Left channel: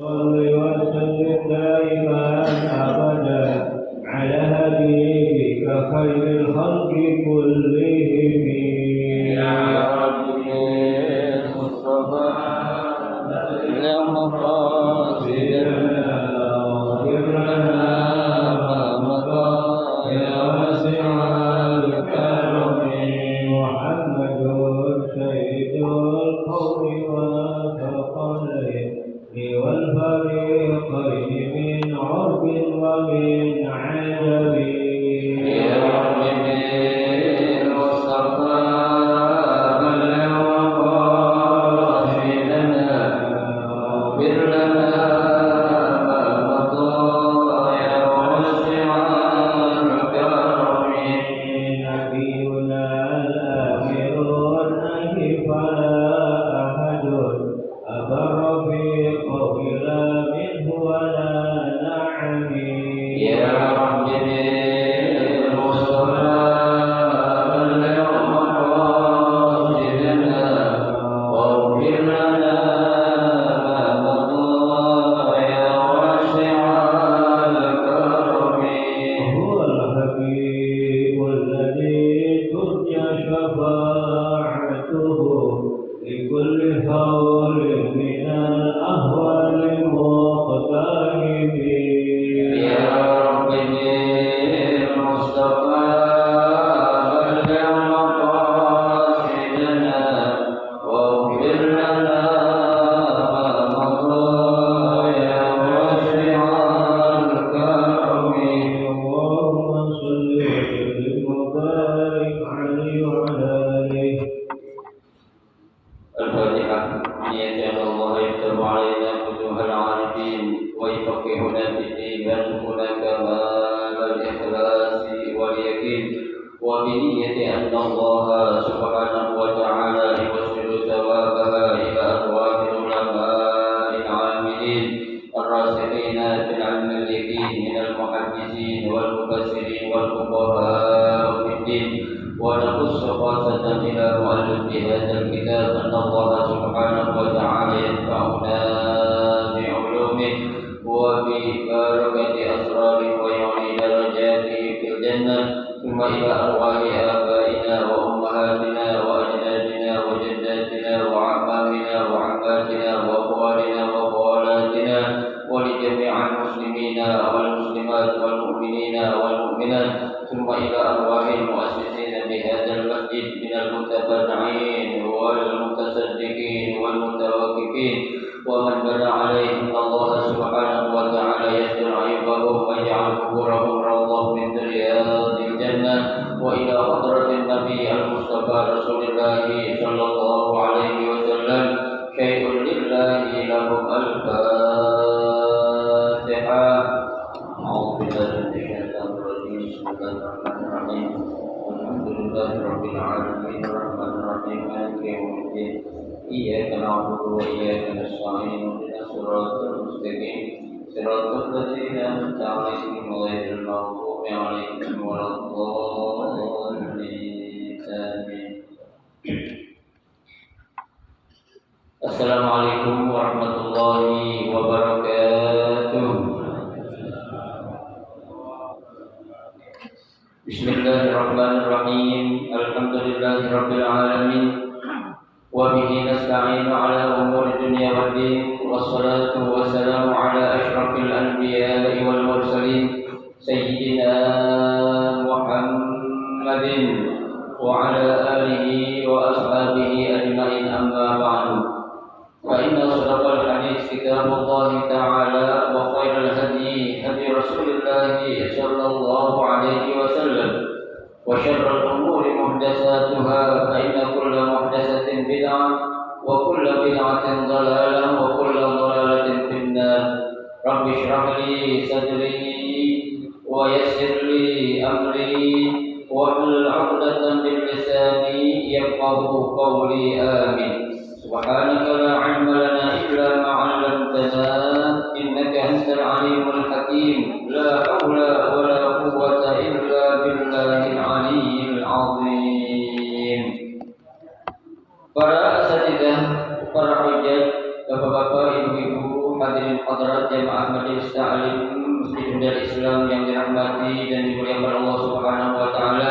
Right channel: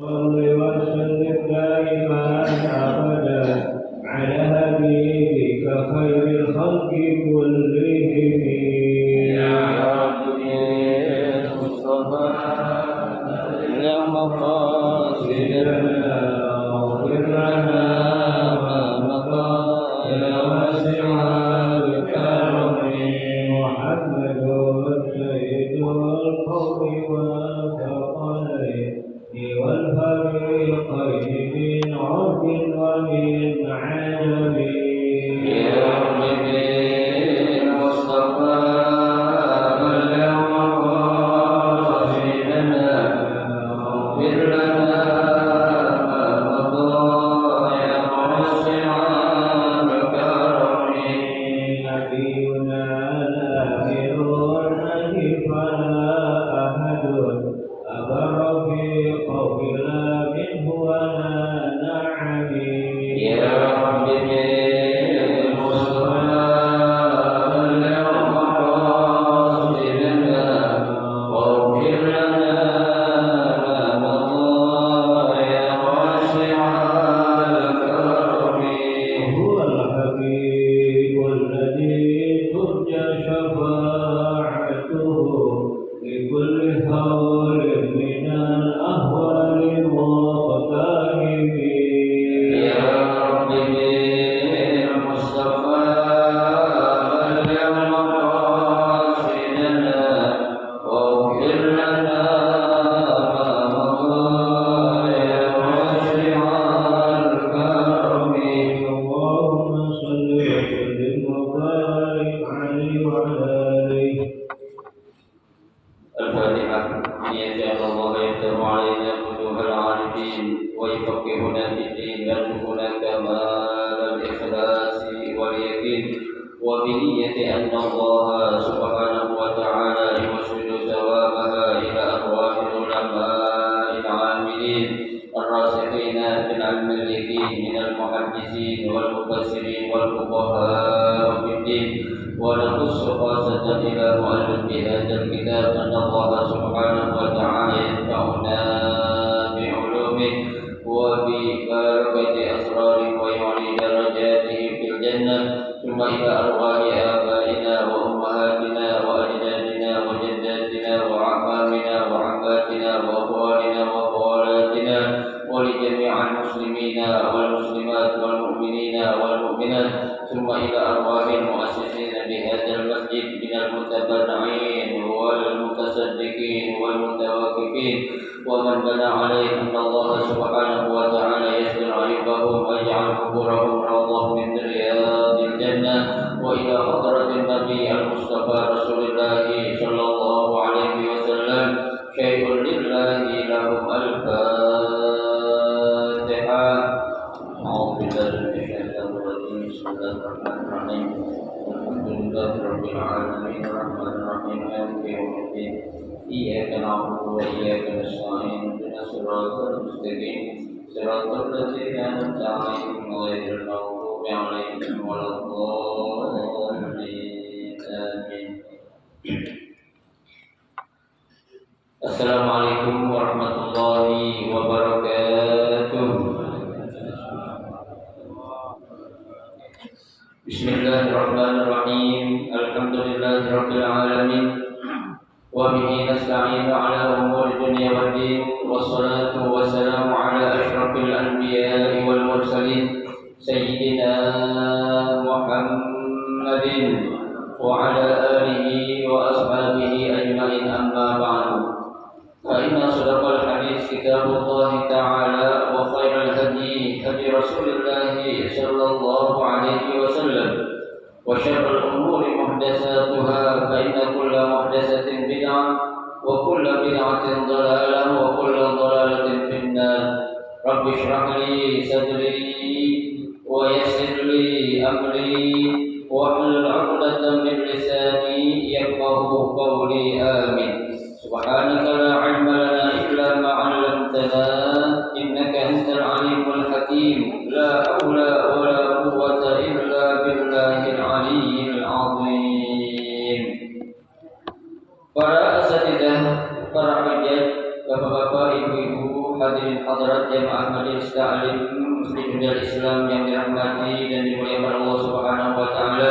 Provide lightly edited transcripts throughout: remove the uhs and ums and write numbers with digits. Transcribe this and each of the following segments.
صل وسلم دائما أبدا على حبيبك خير الخلق كلهم يا رب المصطفى اللهم قاصدنا واغفر لنا ما مضى يا واسع الكرم محمد سيد القوم والثقلين والفريقين من عرب ومن عجب يا رب المصطفى اللهم قاصدنا واغفر لنا ما مضى يا واسع الكرم نبينا الآخر والنبي فلا أحد أبر في قولنا منه ولا نعم يا رب المصطفى اللهم قاصدنا واغفر لنا ما مضى يا واسع الكرم هو الحبيب الذي ترجى شفاعته لكل هول من الأهوال مقترب يا رب المصطفى اللهم قاصدنا واغفر لنا ما مضى يا واسع الكرم اللهم صل وسلم وبارك عليه وعلى آله. الفاتحة. نية الله يفتح علينا فتوح العارفين ويفقهنا في الدين ويرزقنا كمال الإخلاص واليقين وبنية أن الله سبحانه وتعالى يوصل ثوابها إلى أرواح العلماء العاملين الراسخين في العلم اليقين من المحدثين والمفسرين والفقهاء في الدين. ونخص خاصة إلى مؤلف هذا الكتاب أن الله سبحانه وتعالى ينفعنا بعلومه وببركة أسراره ويعلي درجاته في الجنة. ثم إلى أرواح آبائنا وأمهاتنا وأجدادنا وجداتنا وأعمامنا وعماتنا وأخوالنا وخالاتنا ولجميع المسلمين والمسلمات والمؤمنين والمؤمنات. ثم إلى أرواح المؤسسين بهذا المسجد من المتبرعين والمتصدقين والمتوقفين ومن بنى عليه أن الله سبحانه وتعالى يستر عيوبهم ويجعل قبورهم روضة من رياض الجنة. وإلى حضرة النبي المصطفى رسول الله صلى الله عليه وسلم شيء لله لهم الفاتحة. أعوذ بالله من الشيطان الرجيم. بسم الله الرحمن الرحيم. الحمد لله رب العالمين الرحمن الرحيم مالك يوم الدين. إياك نعبد وإياك نستعين اهدنا الصراط المستقيم صراط الذين أنعمت عليهم غير المغضوب عليهم ولا الضالين آمين. Assalamualaikum warahmatullahi wabarakatuh. Bismillahirrahmanirrahim. Alhamdulillahirabbil alamin. Wa bihi nasta'inu ala umuri dunya waddin. Wassalatu wassalamu ala asyrafil anbiya'i wal mursalin sayyidina Muhammadin wa ala alihi wa ashabihi ajma'in, amma ba'du. فإن أصدق الحديث كتاب الله تعالى وخير الهدي هدي رسول الله صلى الله عليه وسلم وشر الأمور محدثاتها فإن كل محدثة بدعة وكل بدعة ضلالة وكل ضلالة في النار. رب اشرح لي صدري ويسر لي أمري واحلل عقدة من لساني يفقهوا قولي آمين. سبحانك لا علم لنا إلا ما علمتنا إنك أنت العليم الحكيم. لا حول ولا قوة إلا بالله العلي العظيم. Para asatidzah, para hujjaj, bapak-bapak, ibu-ibu, hadirin hadirat jamaah majelis ta'lim Masjid Darul Islam yang dirahmati dan dimuliakan Allah Subhanahu wa taala.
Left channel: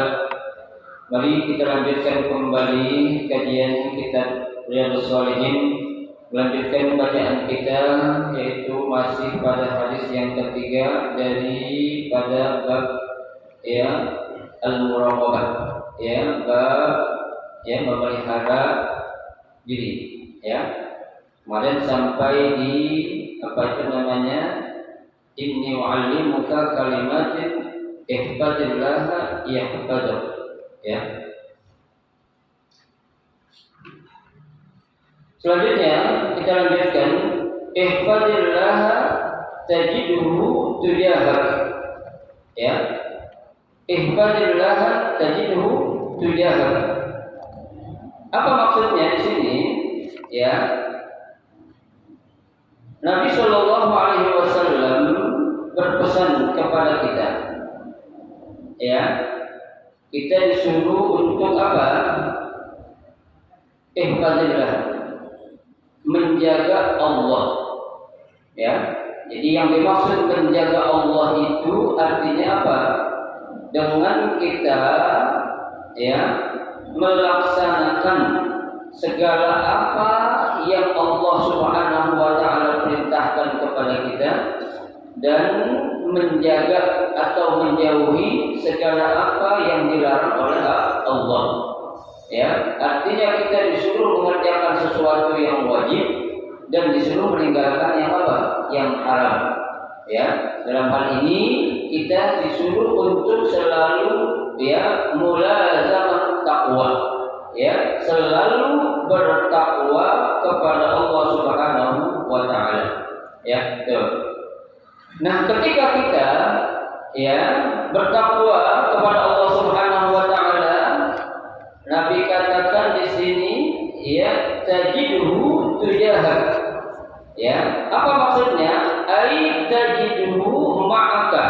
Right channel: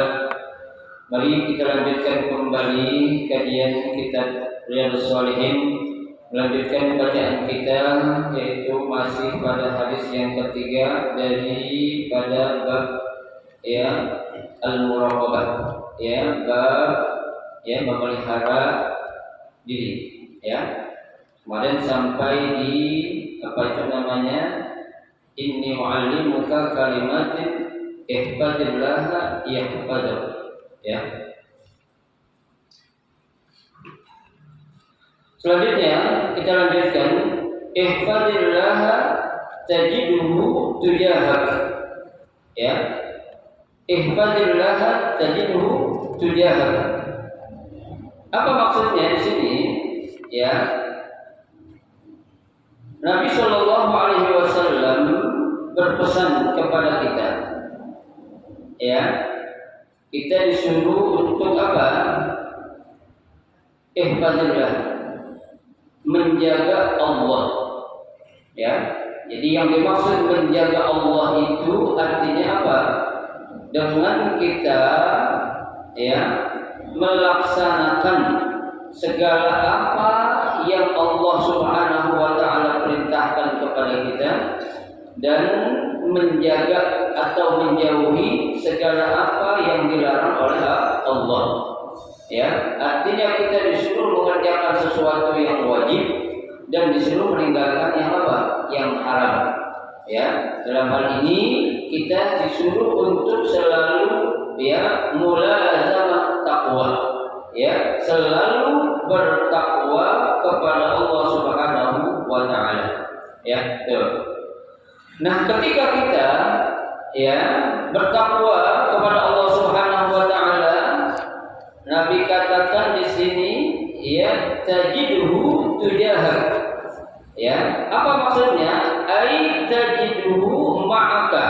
Mari kita lanjutkan kembali kajian kitab Riyadhus Shalihin, melanjutkan bacaan kita yaitu masih pada hadis yang ketiga daripada bab al-muraqabah, bab memelihara diri. Kemarin sampai di inni wa'allimuka kalimatin ihfazillah yahfazuk. Selanjutnya kita lanjutkan ihfazillah tajiduhu tujahak. Ihfazillah tajiduhu tujahak. Apa maksudnya di sini? Nabi Shallallahu Alaihi Wasallam berpesan kepada kita, kita disuruh untuk apa? Ihfazillah, menjaga Allah. Jadi yang dimaksud menjaga Allah itu artinya apa? Dengan kita melaksanakan segala apa yang Allah Subhanahu wa taala perintahkan kepada kita dan menjaga atau menjauhi segala apa yang dilarang oleh Allah. Artinya kita disuruh mengerjakan sesuatu yang wajib dan disuruh meninggalkan yang apa? Yang haram. Dalam hal ini kita disuruh untuk selalu mulazamah taqwa. Selalu bertakwa kepada Allah Subhanahu wa taala. Nah, ketika kita bertakwa kepada Allah Subhanahu wa taala, Nabi katakan di sini tajiduhu tujahak. Apa maksudnya? Ai tajiduhu ma'aka.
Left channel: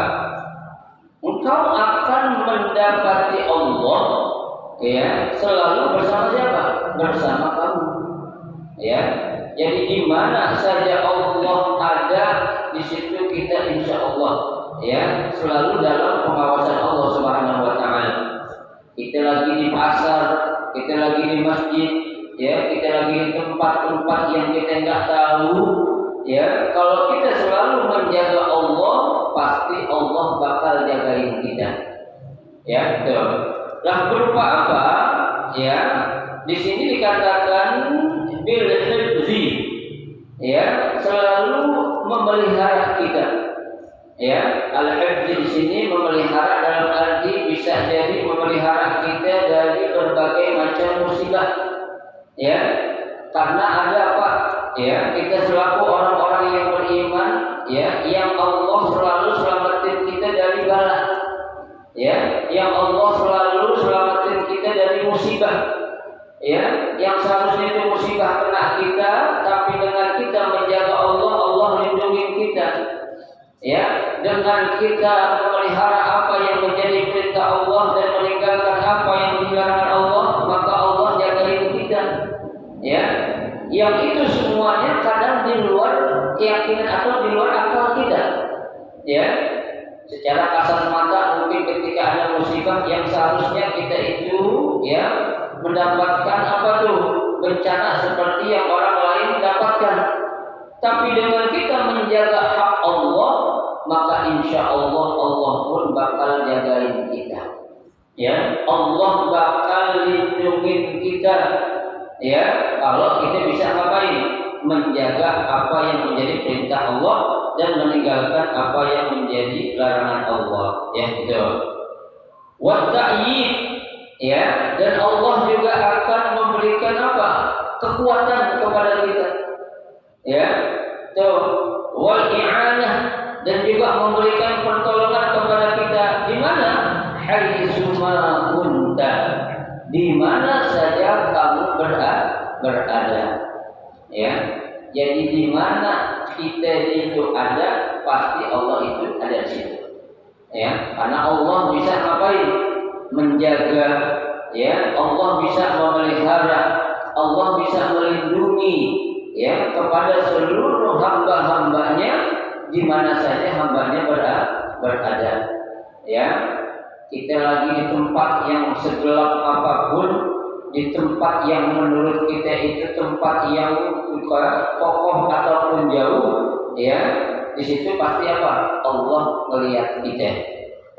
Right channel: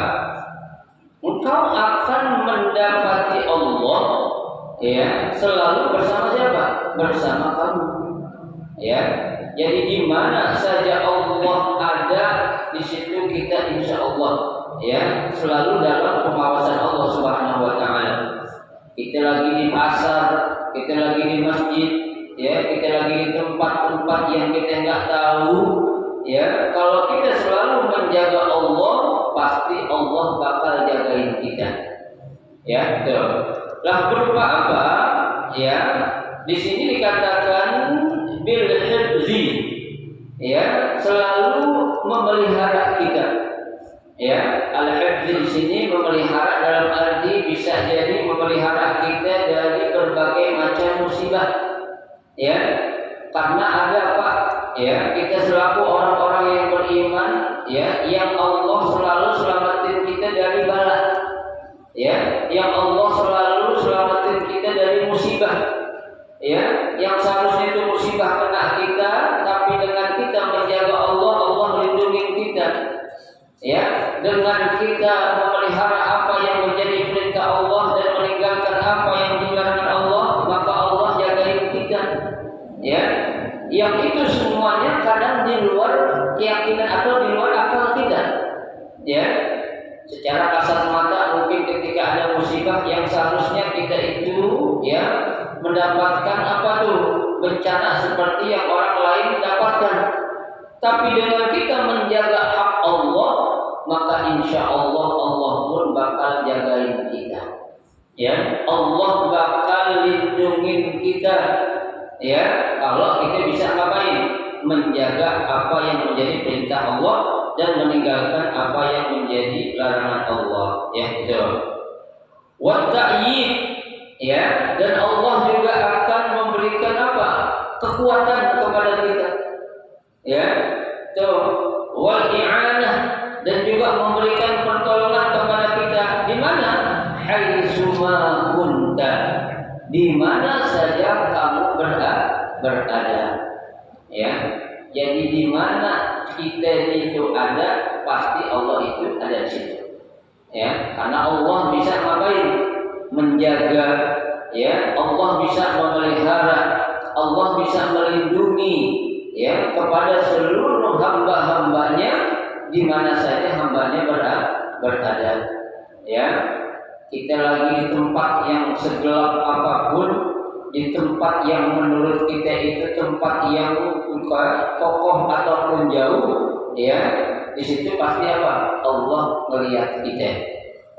Engkau akan mendapati Allah selalu bersama siapa? Bersama kamu. Jadi di mana saja Allah ada, di situ kita insya Allah selalu dalam pengawasan Allah Subhanahu wa taala. Kita lagi di pasar, kita lagi di masjid, kita lagi di tempat-tempat yang kita enggak tahu, kalau kita selalu menjaga Allah, pasti Allah bakal jagain kita. Lah berupa apa? Di sini dikatakan bil hifzi, selalu memelihara kita. Al-hifzi di sini memelihara dalam arti bisa jadi memelihara kita dari berbagai macam musibah. Karena ada apa? Kita selaku orang-orang yang beriman, yang Allah selalu selamatin kita dari bala. Yang Allah selalu selamatin kita dari musibah. Yang seharusnya itu musibah kena kita, tapi dengan kita menjaga Allah, Allah melindungi kita. Dengan kita memelihara apa yang menjadi perintah Allah dan meninggalkan apa yang dilarang Allah, maka Allah jagain kita. Yang itu semuanya kadang di luar keyakinan atau di luar akal kita. Secara kasat mata mungkin ketika ada musibah yang seharusnya kita itu mendapatkan bencana seperti yang orang lain dapatkan. Tapi dengan kita menjaga hak Allah, maka insya Allah Allah pun bakal jagain kita. Allah bakal lindungin kita. Kalau kita bisa ngapain? Menjaga apa yang menjadi perintah Allah dan meninggalkan apa yang menjadi larangan Allah. Wa ta'yid, dan Allah juga akan memberikan apa? Kekuatan kepada kita. Wal i'anah, dan juga memberikan pertolongan kepada kita. Di mana? Haitsuma kunta, di mana saja kamu berada. Jadi di mana kita itu ada, pasti Allah itu ada di situ. Karena Allah bisa ngapain? Menjaga. Allah bisa memelihara, Allah bisa melindungi. ya kepada seluruh hamba-hambanya di mana saja hambanya berada. Ya, kita lagi di tempat yang segelap apapun, di tempat yang menurut kita itu tempat yang kokoh ataupun jauh, ya di situ pasti apa? Allah melihat kita.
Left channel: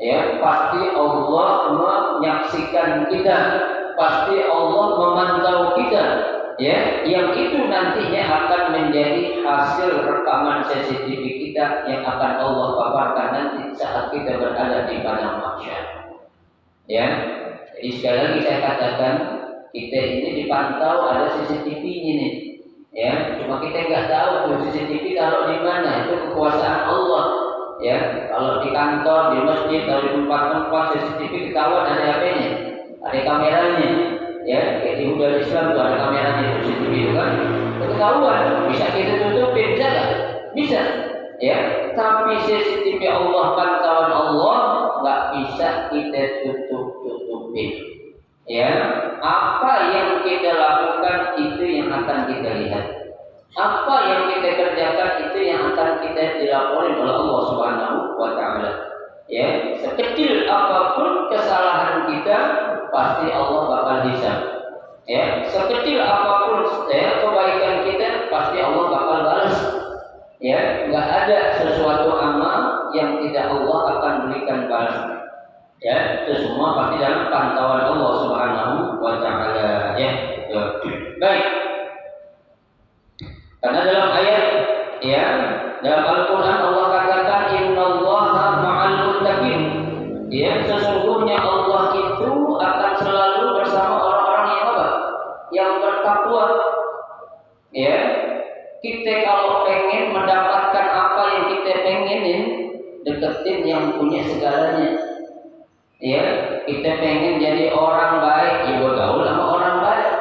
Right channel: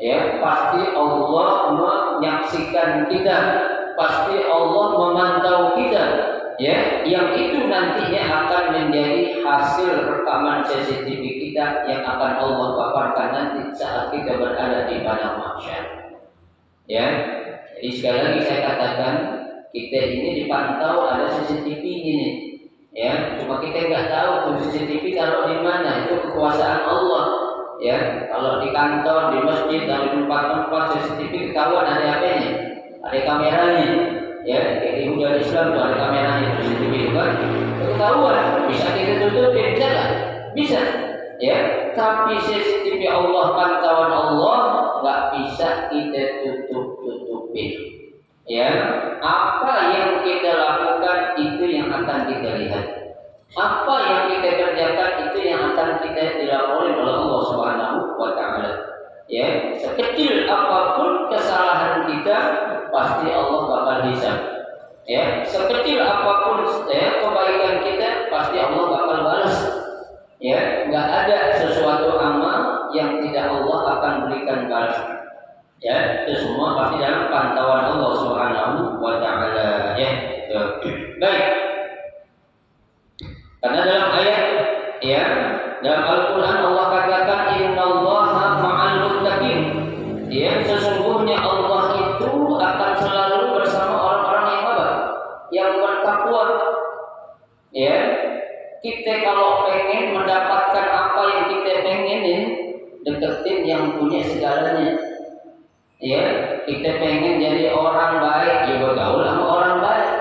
Ya, pasti Allah menyaksikan kita, pasti Allah memantau kita. Ya, yang itu nantinya akan menjadi hasil rekaman CCTV kita yang akan Allah paparkan nanti saat kita berada di padang mahsyar. Ya, jadi sekali lagi saya katakan kita ini dipantau, ada CCTV ini. Ya, cuma kita nggak tahu tuh CCTV taruh di mana, itu kekuasaan Allah. Ya, kalau di kantor, di masjid, di tempat-tempat CCTV ketahuan ada apa-nya, ada kameranya. Ya, kayak di budaya Islam tuh ada kameranya CCTV itu kan, ketahuan. Bisa kita tutupin, bisa nggak? Bisa. Ya, tapi CCTV Allah, pantauan Allah nggak bisa kita tutupin. Ya, apa yang kita lakukan itu yang akan kita lihat. Apa yang kita kerjakan itu yang akan kita dilaporin oleh Allah Subhanahu wa taala. Ya, sekecil apapun kesalahan kita pasti Allah bakal hisab. Ya, sekecil apapun kebaikan kita pasti Allah bakal balas. Ya, nggak ada sesuatu amal yang tidak Allah akan berikan balas. Ya, itu semua pasti dalam pantauan Allah Subhanahu wa taala. Ya, baik. Karena dalam ayat, ya, dalam Al-Qur'an Allah katakan innallaha ma'al muttaqin. Ya, sesungguhnya Allah itu akan selalu bersama orang-orang yang apa? Yang bertakwa. Ya, kita kalau pengen mendapatkan apa yang kita pengenin, deketin yang punya segalanya. Ya, kita pengen jadi orang baik, ya bergaul sama orang baik.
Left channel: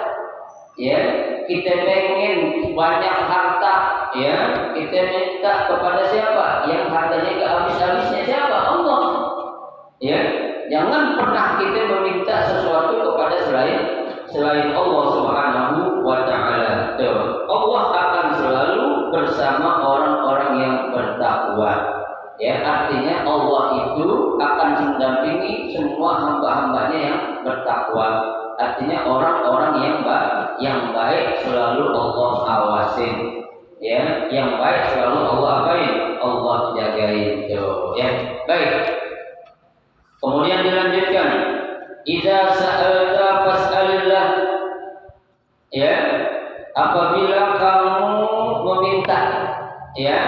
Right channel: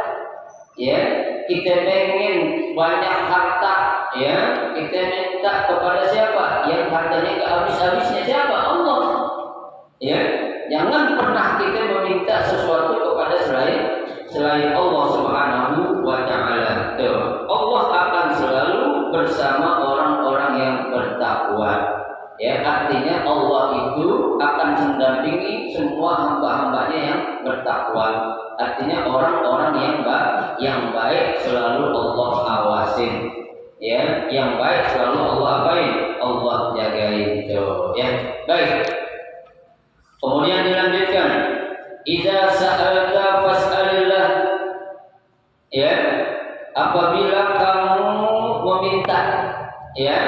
Ya, kita pengen banyak harta, ya, kita minta kepada siapa? Yang hartanya gak habis-habisnya siapa? Allah. Ya, jangan pernah kita meminta sesuatu kepada selain Allah Subhanahu wa taala. Allah akan selalu bersama orang-orang yang bertakwa. Ya, artinya Allah itu akan mendampingi semua hamba-hambanya yang bertakwa. Artinya orang-orang yang baik selalu Allah awasin. Ya, yang baik selalu Allah apain? Allah jagain. Ya, baik. Kemudian dilanjutkan, idza sa'alta fas'alillah. Ya, apabila kamu meminta, ya,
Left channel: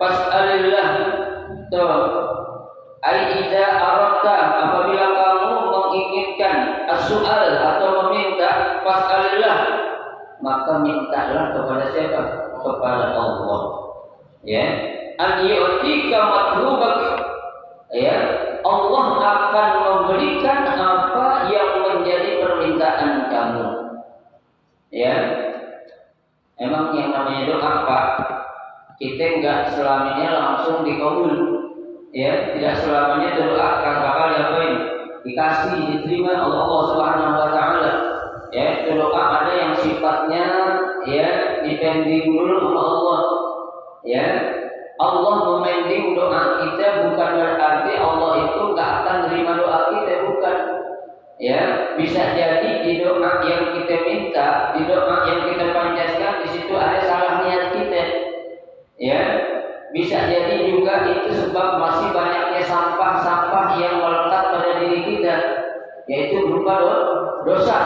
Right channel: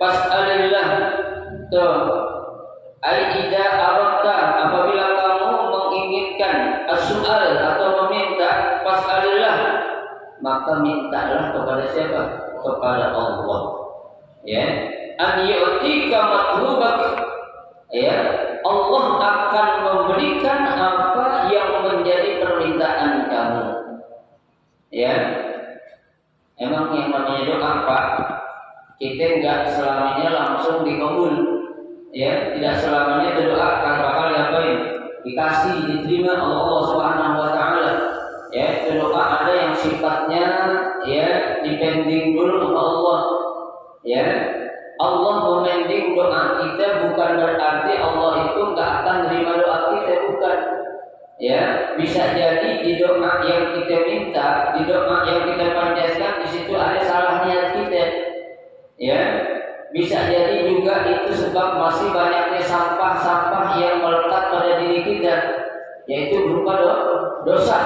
fas'alillah. Ai idza aradta, apabila kamu menginginkan as-su'al atau meminta, fas'alillah, maka mintalah kepada siapa? Kepada Allah. Ya, an yu'tika matlubak. Ya, Allah akan memberikan apa yang menjadi permintaan kamu. Ya, emang yang namanya doa, Pak, kita enggak selamanya langsung dikabul. Ya, tidak selamanya doa kan bakal diapain? Dikasih, diterima oleh Allah Subhanahu wa taala. Ya, doa ada yang sifatnya ya dipending dulu sama Allah. Ya, Allah memending doa kita bukan berarti Allah itu enggak akan terima doa kita, bukan. Ya, bisa jadi di doa yang kita minta, di doa yang kita panjatkan, di situ ada salah niat kita. Ya, bisa jadi juga itu sebab masih banyaknya sampah-sampah yang melekat pada diri kita, yaitu berupa dosa.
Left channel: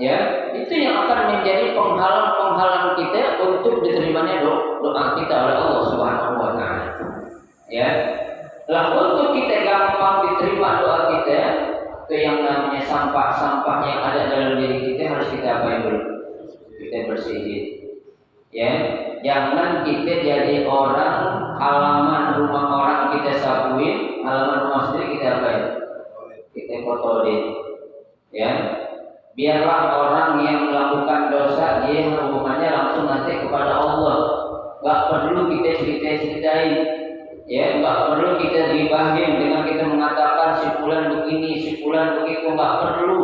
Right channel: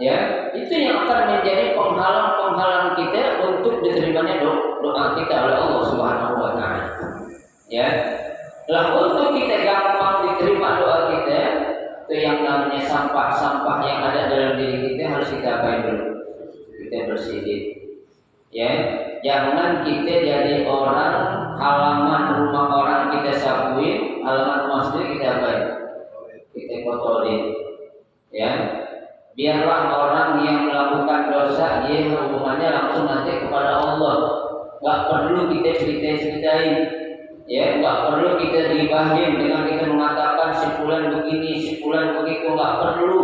Ya, itu yang akan menjadi penghalang-penghalang kita untuk diterimanya doa kita oleh Allah Subhanahu wa taala. Ya, lah untuk kita gampang diterima doa kita, itu yang namanya sampah-sampah yang ada dalam diri kita harus kita apain dulu? Kita bersihin. Ya, jangan kita jadi orang halaman rumah orang kita sapuin, halaman rumah sendiri kita apain? Kita kotorin. Ya, biarlah orang yang melakukan dosa dia hubungannya langsung nanti kepada Allah. Gak perlu kita ceritain. Ya, gak perlu kita dibahin dengan kita mengatakan si fulan begini, si fulan begitu, gak perlu.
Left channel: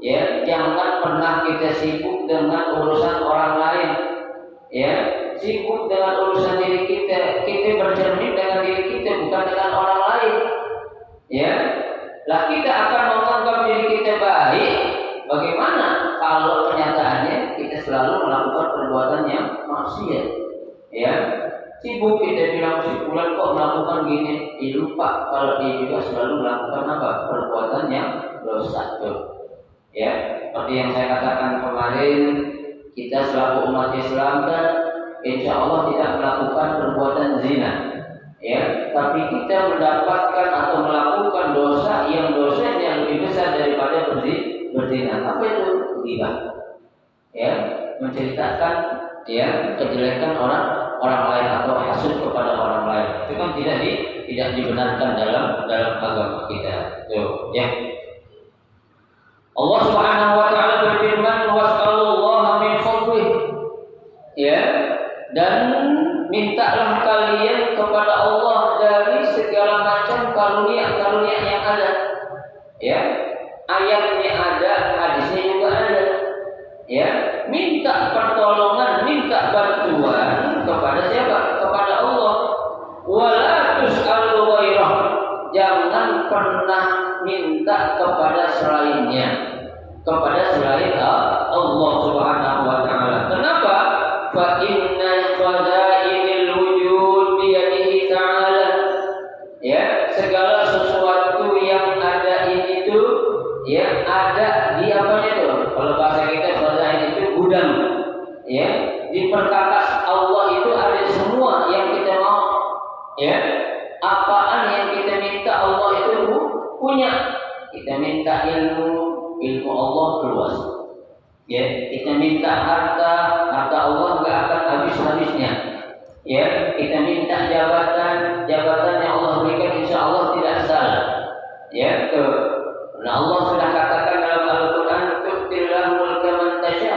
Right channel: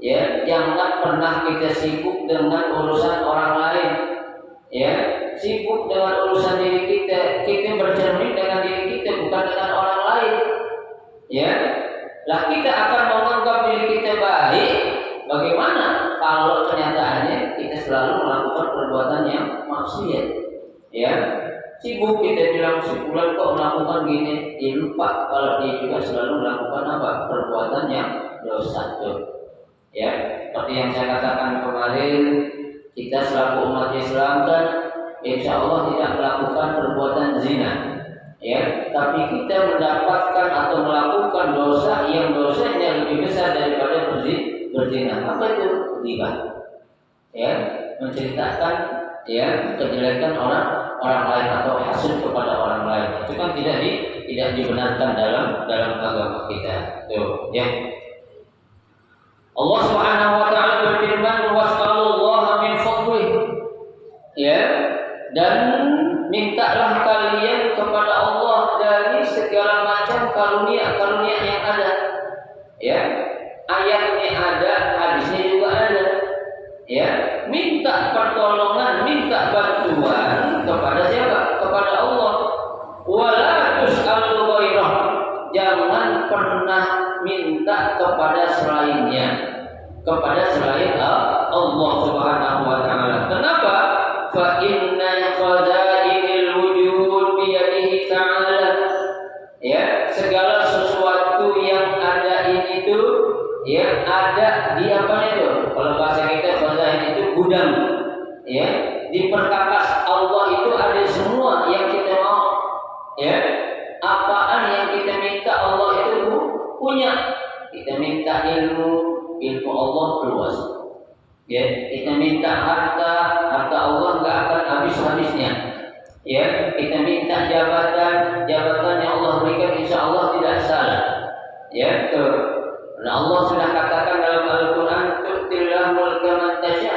Ya, jangan pernah kita sibuk dengan urusan orang lain. Ya, sibuk dengan urusan diri kita, kita bercermin dengan diri kita, bukan dengan orang lain. Ya, lah kita akan menganggap diri kita baik. Bagaimana kalau kenyataannya kita selalu melakukan perbuatan yang maksiat? Ya, sibuk kita bilang si fulan kok melakukan gini, dia lupa kalau dia juga selalu melakukan apa? Perbuatan yang dosa tuh. Ya, seperti yang saya katakan kemarin, kita selaku umat Islam kan insya Allah tidak melakukan perbuatan zina, ya, tapi kita mendapatkan atau melakukan dosa yang dosanya lebih besar daripada berzina. Apa itu? Ghibah. Ya, menceritakan ya kejelekan orang lain atau hasud kepada orang lain. Itu kan tidak dibenarkan dalam agama kita. Tuh, ya. Allah Subhanahu wa taala berfirman, "Was'alullaha min fadlih." Ya, dan mintalah kalian kepada Allah dari segala macam karunia-karunia yang ada. Ya, ayatnya ada, hadisnya juga ada. Ya, minta pertolongan, minta bantuan kepada siapa? Kepada Allah. Wala tus'alu ghairah. Jangan pernah minta kepada selainnya, kepada selain Allah Subhanahu wa taala. Kenapa? Fa inna khazainil wujud bi yadihi ta'ala. Ya, segala sesuatu yang ada ini tuh ya ada di apanya tuh? Kalau bahasa kita khazain itu gudang. Ya, di perkakas Allah itu ada semua yang kita mau. Ya, apaan yang kita minta Allah itu punya. Kita minta ilmu Allah luas. Ya, kita minta harta Allah enggak akan habis-habisnya. Ya, kita minta jabatan yang Allah berikan insya Allah tidak salah. Ya, tuh. Nah, Allah sudah katakan dalam Al-Qur'an, "Tu'tillahu mulka man tasya."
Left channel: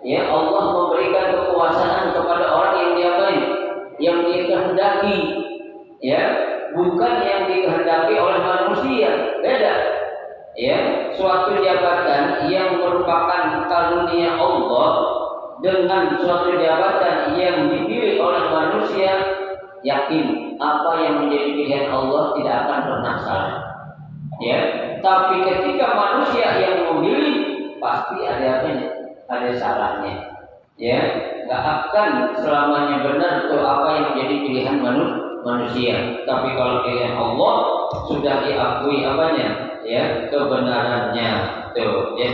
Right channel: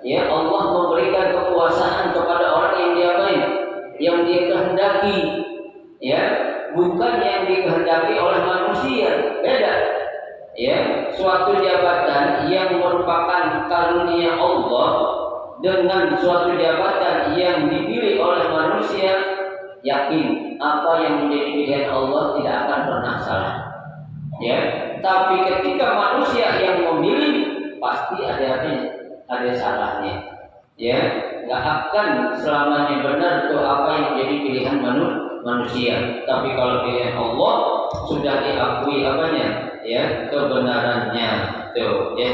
Ya, Allah memberikan kekuasaan kepada orang yang dia baik, yang dia kehendaki. Ya, bukan yang dikehendaki oleh manusia. Beda. Ya, suatu jabatan yang merupakan karunia Allah dengan suatu jabatan yang dipilih oleh manusia, yakin apa yang menjadi pilihan Allah tidak akan pernah salah. Ya, tapi ketika manusia yang memilih pasti ada apa-nya? Ada salahnya. Ya, nggak akan selamanya benar itu apa yang menjadi pilihan manusia. Tapi kalau pilihan Allah sudah diakui apanya? Ya, kebenarannya. Tuh, ya.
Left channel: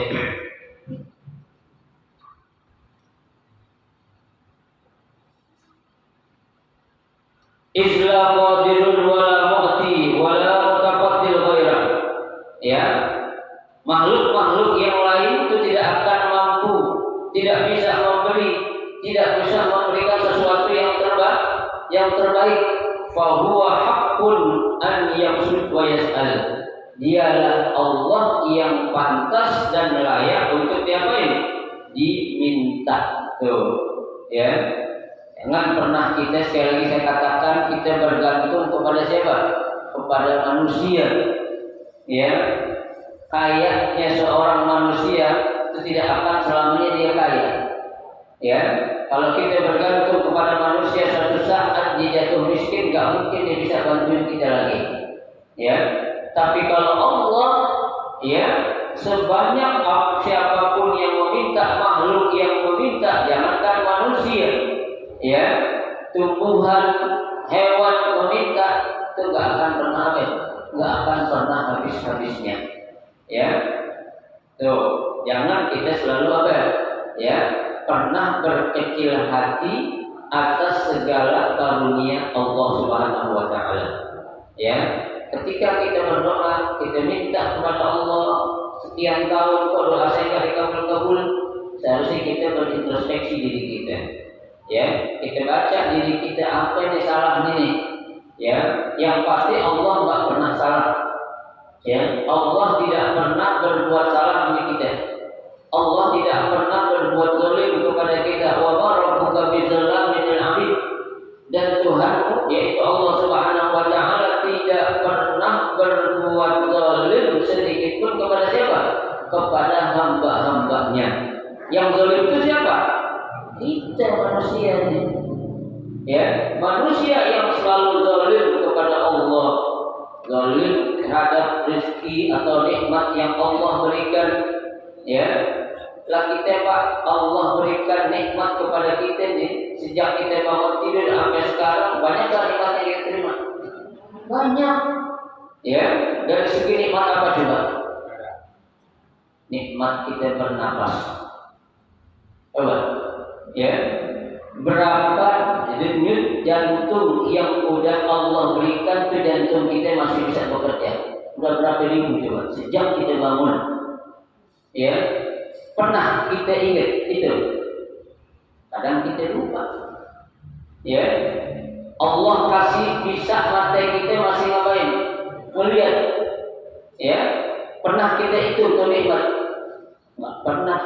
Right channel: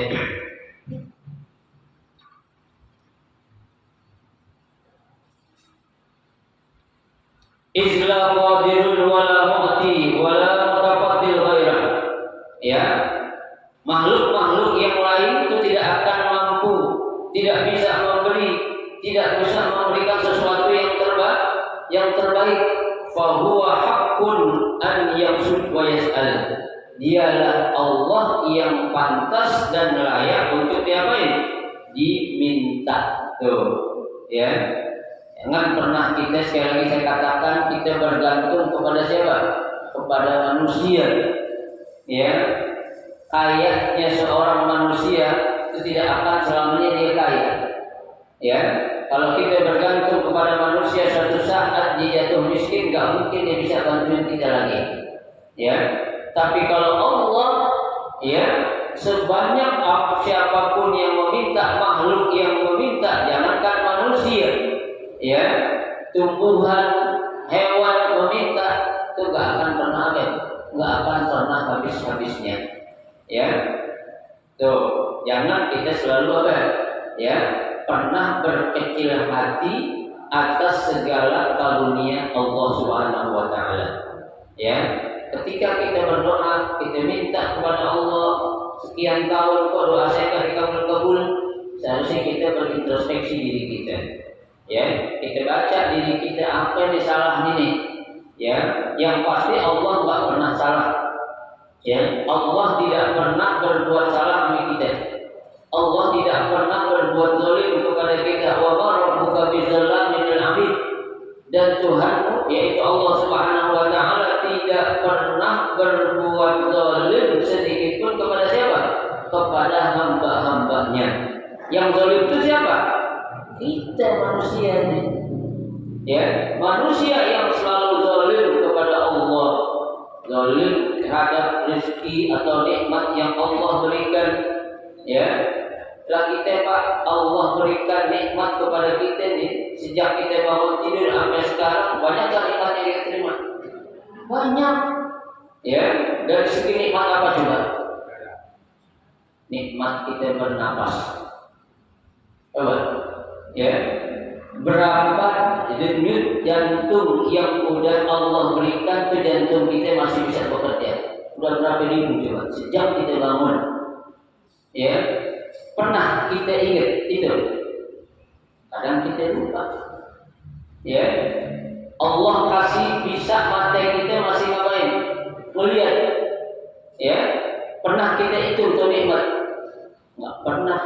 Isla qadirun wala mu'ti wala mutaqaddil ghairah. Ya. Makhluk-makhluk yang lain itu tidak akan mampu, tidak bisa memberi, tidak bisa memberikan sesuatu yang terbaik. Fa huwa haqqun an yaqsud wa yas'al. Dialah Allah yang pantas dan layak untuk diapain? Diminta. Tuh, ya. Jangan pernah kita, sekali lagi saya katakan, kita bergantung kepada siapa? Kepada manusia. Ya, kayaknya seorang manusia itu tidak akan selamanya dia kaya. Ya, kalau kita bergantung kepada manusia, suatu saat dia jatuh miskin, nggak mungkin dia bisa bantuin kita lagi. Ya, tapi kalau Allah, ya, sebanyak siapapun yang meminta, makhluk yang meminta, jangankan manusia, ya, tumbuhan, hewan meminta, itu nggak akan pernah nggak akan pernah habis-habisnya. Ya, tuh, jangan kita selalu ya, pernah berkecil hati atas segala karunia Allah Subhanahu wa taala. Ya, ketika kita berdoa, kita minta kepada Allah sekian tahun kok doa saya enggak dikabul-kabul, seharusnya kita berintrospeksi diri kita. Ya, kita baca diri kita apa yang salah ini. Ya, yang pasti Allah enggak pernah salah. Ya, Allah tidak pernah berbuat salah sama kita. Allah tidak pernah berbuat zalim kepada kita. Wa ma rabbuka bizzallamin lil 'abid. Dan Tuhanmu yaitu Allah Subhanahu wa taala tidak pernah berbuat zalim sedikit pun kepada siapa? Kepada hamba-hambanya. Yang zalim itu siapa? Kita manusia ini, ya, manusia yang selalu zalim kepada Allah, zalim terhadap rezeki atau nikmat yang Allah berikan, ya. Lah kita Pak, Allah berikan nikmat kepada kita nih sejak kita bangun tidur sampai sekarang, banyak tak nikmat yang kita terima? Banyak, ya. Dari segi nikmat apa coba? Nikmat kita bernapas, coba, ya. Berapa denyut jantung yang udah Allah berikan tuh jantung kita masih bisa bekerja? Udah berapa ribu coba sejak kita bangun, ya. Pernah kita ingat itu? Kadang kita lupa, ya. Allah kasih bisa mata kita masih ngapain? Melihat, ya. Pernah kita itu tuh nikmat? Nggak pernah,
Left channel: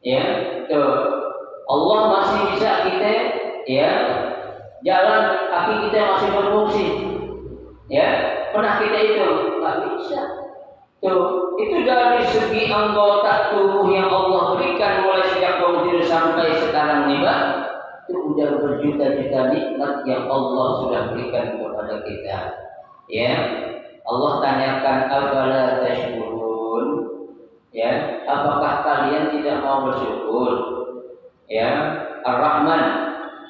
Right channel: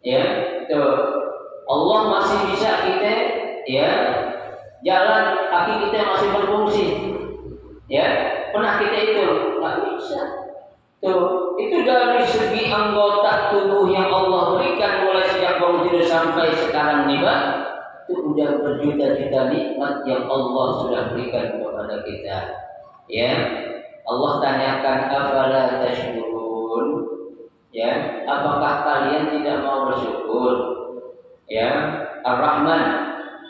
ya. Tuh Allah masih bisa kita, ya, jalan, kaki kita masih berfungsi, ya. Pernah kita itu? Nggak bisa. Tuh, itu dari segi anggota tubuh yang Allah berikan mulai sejak bangun tidur sampai sekarang nih, Pak. Itu udah berjuta-juta nikmat yang Allah sudah berikan kepada kita. Ya, Allah tanyakan afala tashkurun? Ya, apakah kalian tidak mau bersyukur? Ya, Ar-Rahman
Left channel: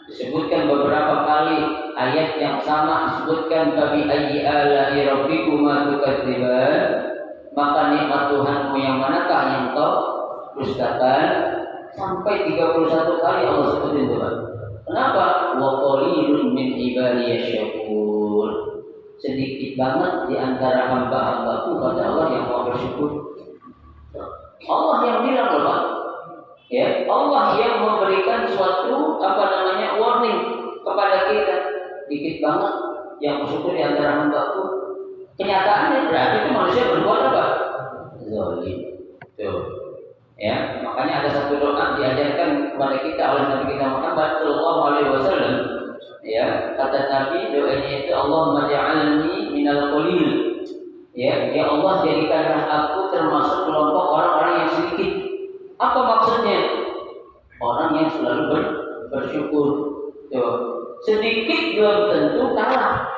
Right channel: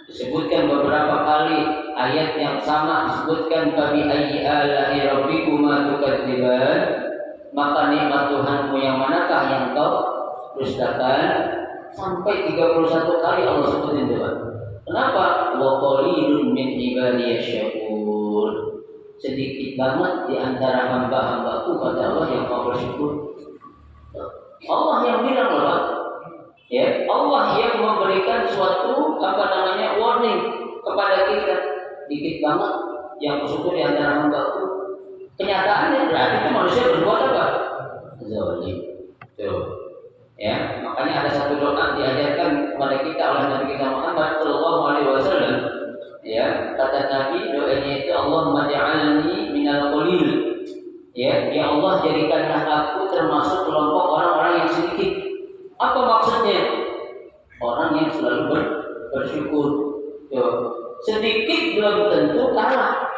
disebutkan beberapa kali, ayat yang sama disebutkan fabi ayyi ala'i rabbikuma tukadziban, maka nikmat Tuhanmu yang manakah yang kau dustakan? Sampai 31 kali Allah sebutin itu. Kenapa? Wa qalilun min ibadiyasy syakur. Sedikit banget di antara hamba-hambaku kata Allah yang mau bersyukur. Allah yang bilang loh, Pak. Ya, Allah yang memberikan suatu warning kepada kita. Dikit banget yang bersyukur di antara hamba-Ku. Kenyataannya berarti itu manusia berbuat apa? Zalim. Tuh. Ya, makanya ada satu doa diajarkan kepada kita oleh Nabi kita Muhammad sallallahu alaihi wasallam. Ya, kata Nabi doanya itu Allahumma ja'alni minal qalil. Ya Allah jadikanlah aku termasuk kelompok orang-orang yang sedikit. Apa maksudnya? Orang yang selalu bersyukur. Sedikit belum tentu kalah.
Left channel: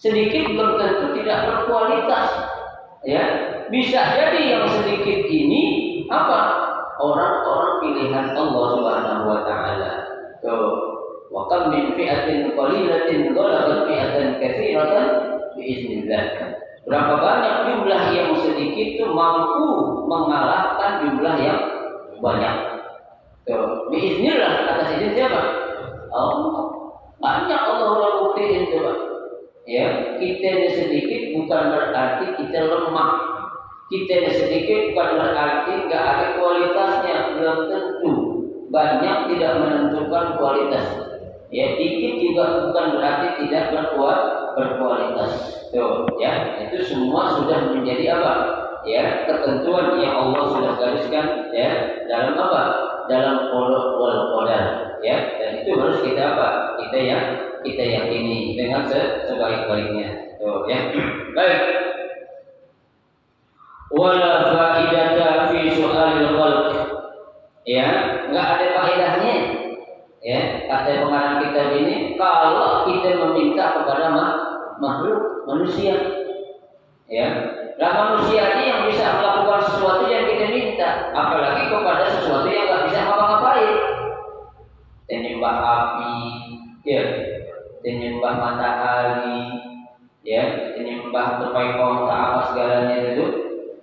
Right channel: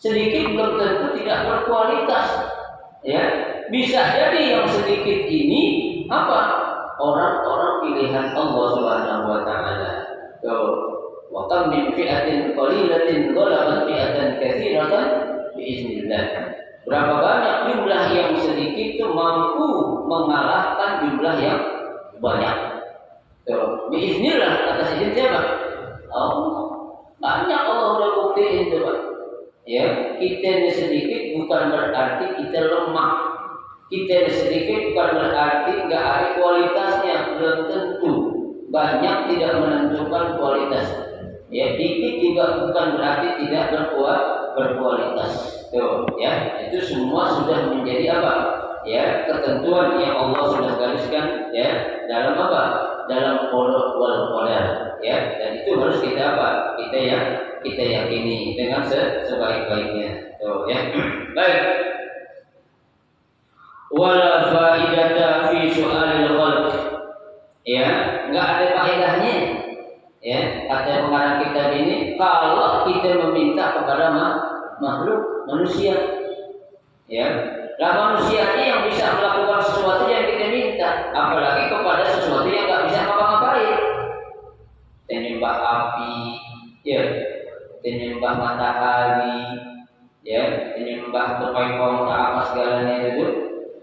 Sedikit belum tentu tidak berkualitas. Ya, bisa jadi yang sedikit ini apa? Orang-orang pilihan Allah Subhanahu wa taala. Wa kam min fi'atin qalilatin ghalabat fi'atan katsiratan biiznillah. Berapa banyak jumlah yang sedikit itu mampu mengalahkan jumlah yang banyak. Biiznillah, atas izin siapa? Allah. Banyak Allah udah buktiin coba. Ya, kita ini sedikit bukan berarti kita lemah. Kita ini sedikit bukan berarti nggak ada kualitasnya, belum tentu. Banyak tidak menentukan kualitas. Ya, dikit juga bukan berarti tidak berkualitas. Tuh, ya, itu semua sudah menjadi apa? Ya, ketentuan yang Allah sudah gariskan ya dalam apa? Dalam qada wal qadar. Ya, dan itu harus kita apa? Kita yakini dengan sebaik-baiknya. Tuh, ya. Baik. Wala faidata fi su'alil khalq. Ya, enggak ada faedahnya. Ya, kata pengarang kitab ini kalau kita meminta kepada makhluk manusia. Ya. Lah manusia ini yang bisa melakukan sesuatu yang kita minta, apalagi kepada sesuatu yang enggak bisa ngapa-ngapain. Menyembah api, ya, menyembah matahari, ya, menyembah tupai kongsa apa segalanya itu,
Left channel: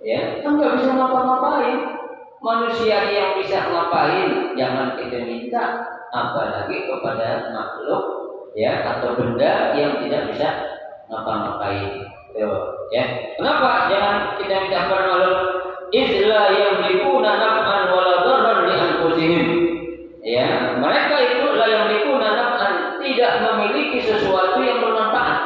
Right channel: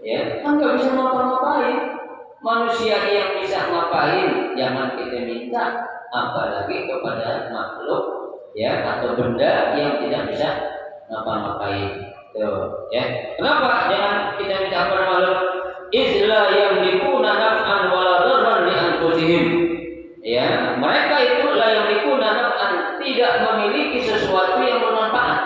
ya, kan nggak bisa ngapa-ngapain. Manusia yang bisa ngapain, jangan kita minta, apalagi kepada makhluk, ya, atau benda yang tidak bisa ngapa-ngapain. Tuh, ya. Kenapa jangan kita minta kepada makhluk? Izla yamlikuna naf'an wala darran li anfusihim. Ya, mereka itu la yamlikuna naf'an, tidak memiliki sesuatu yang bermanfaat.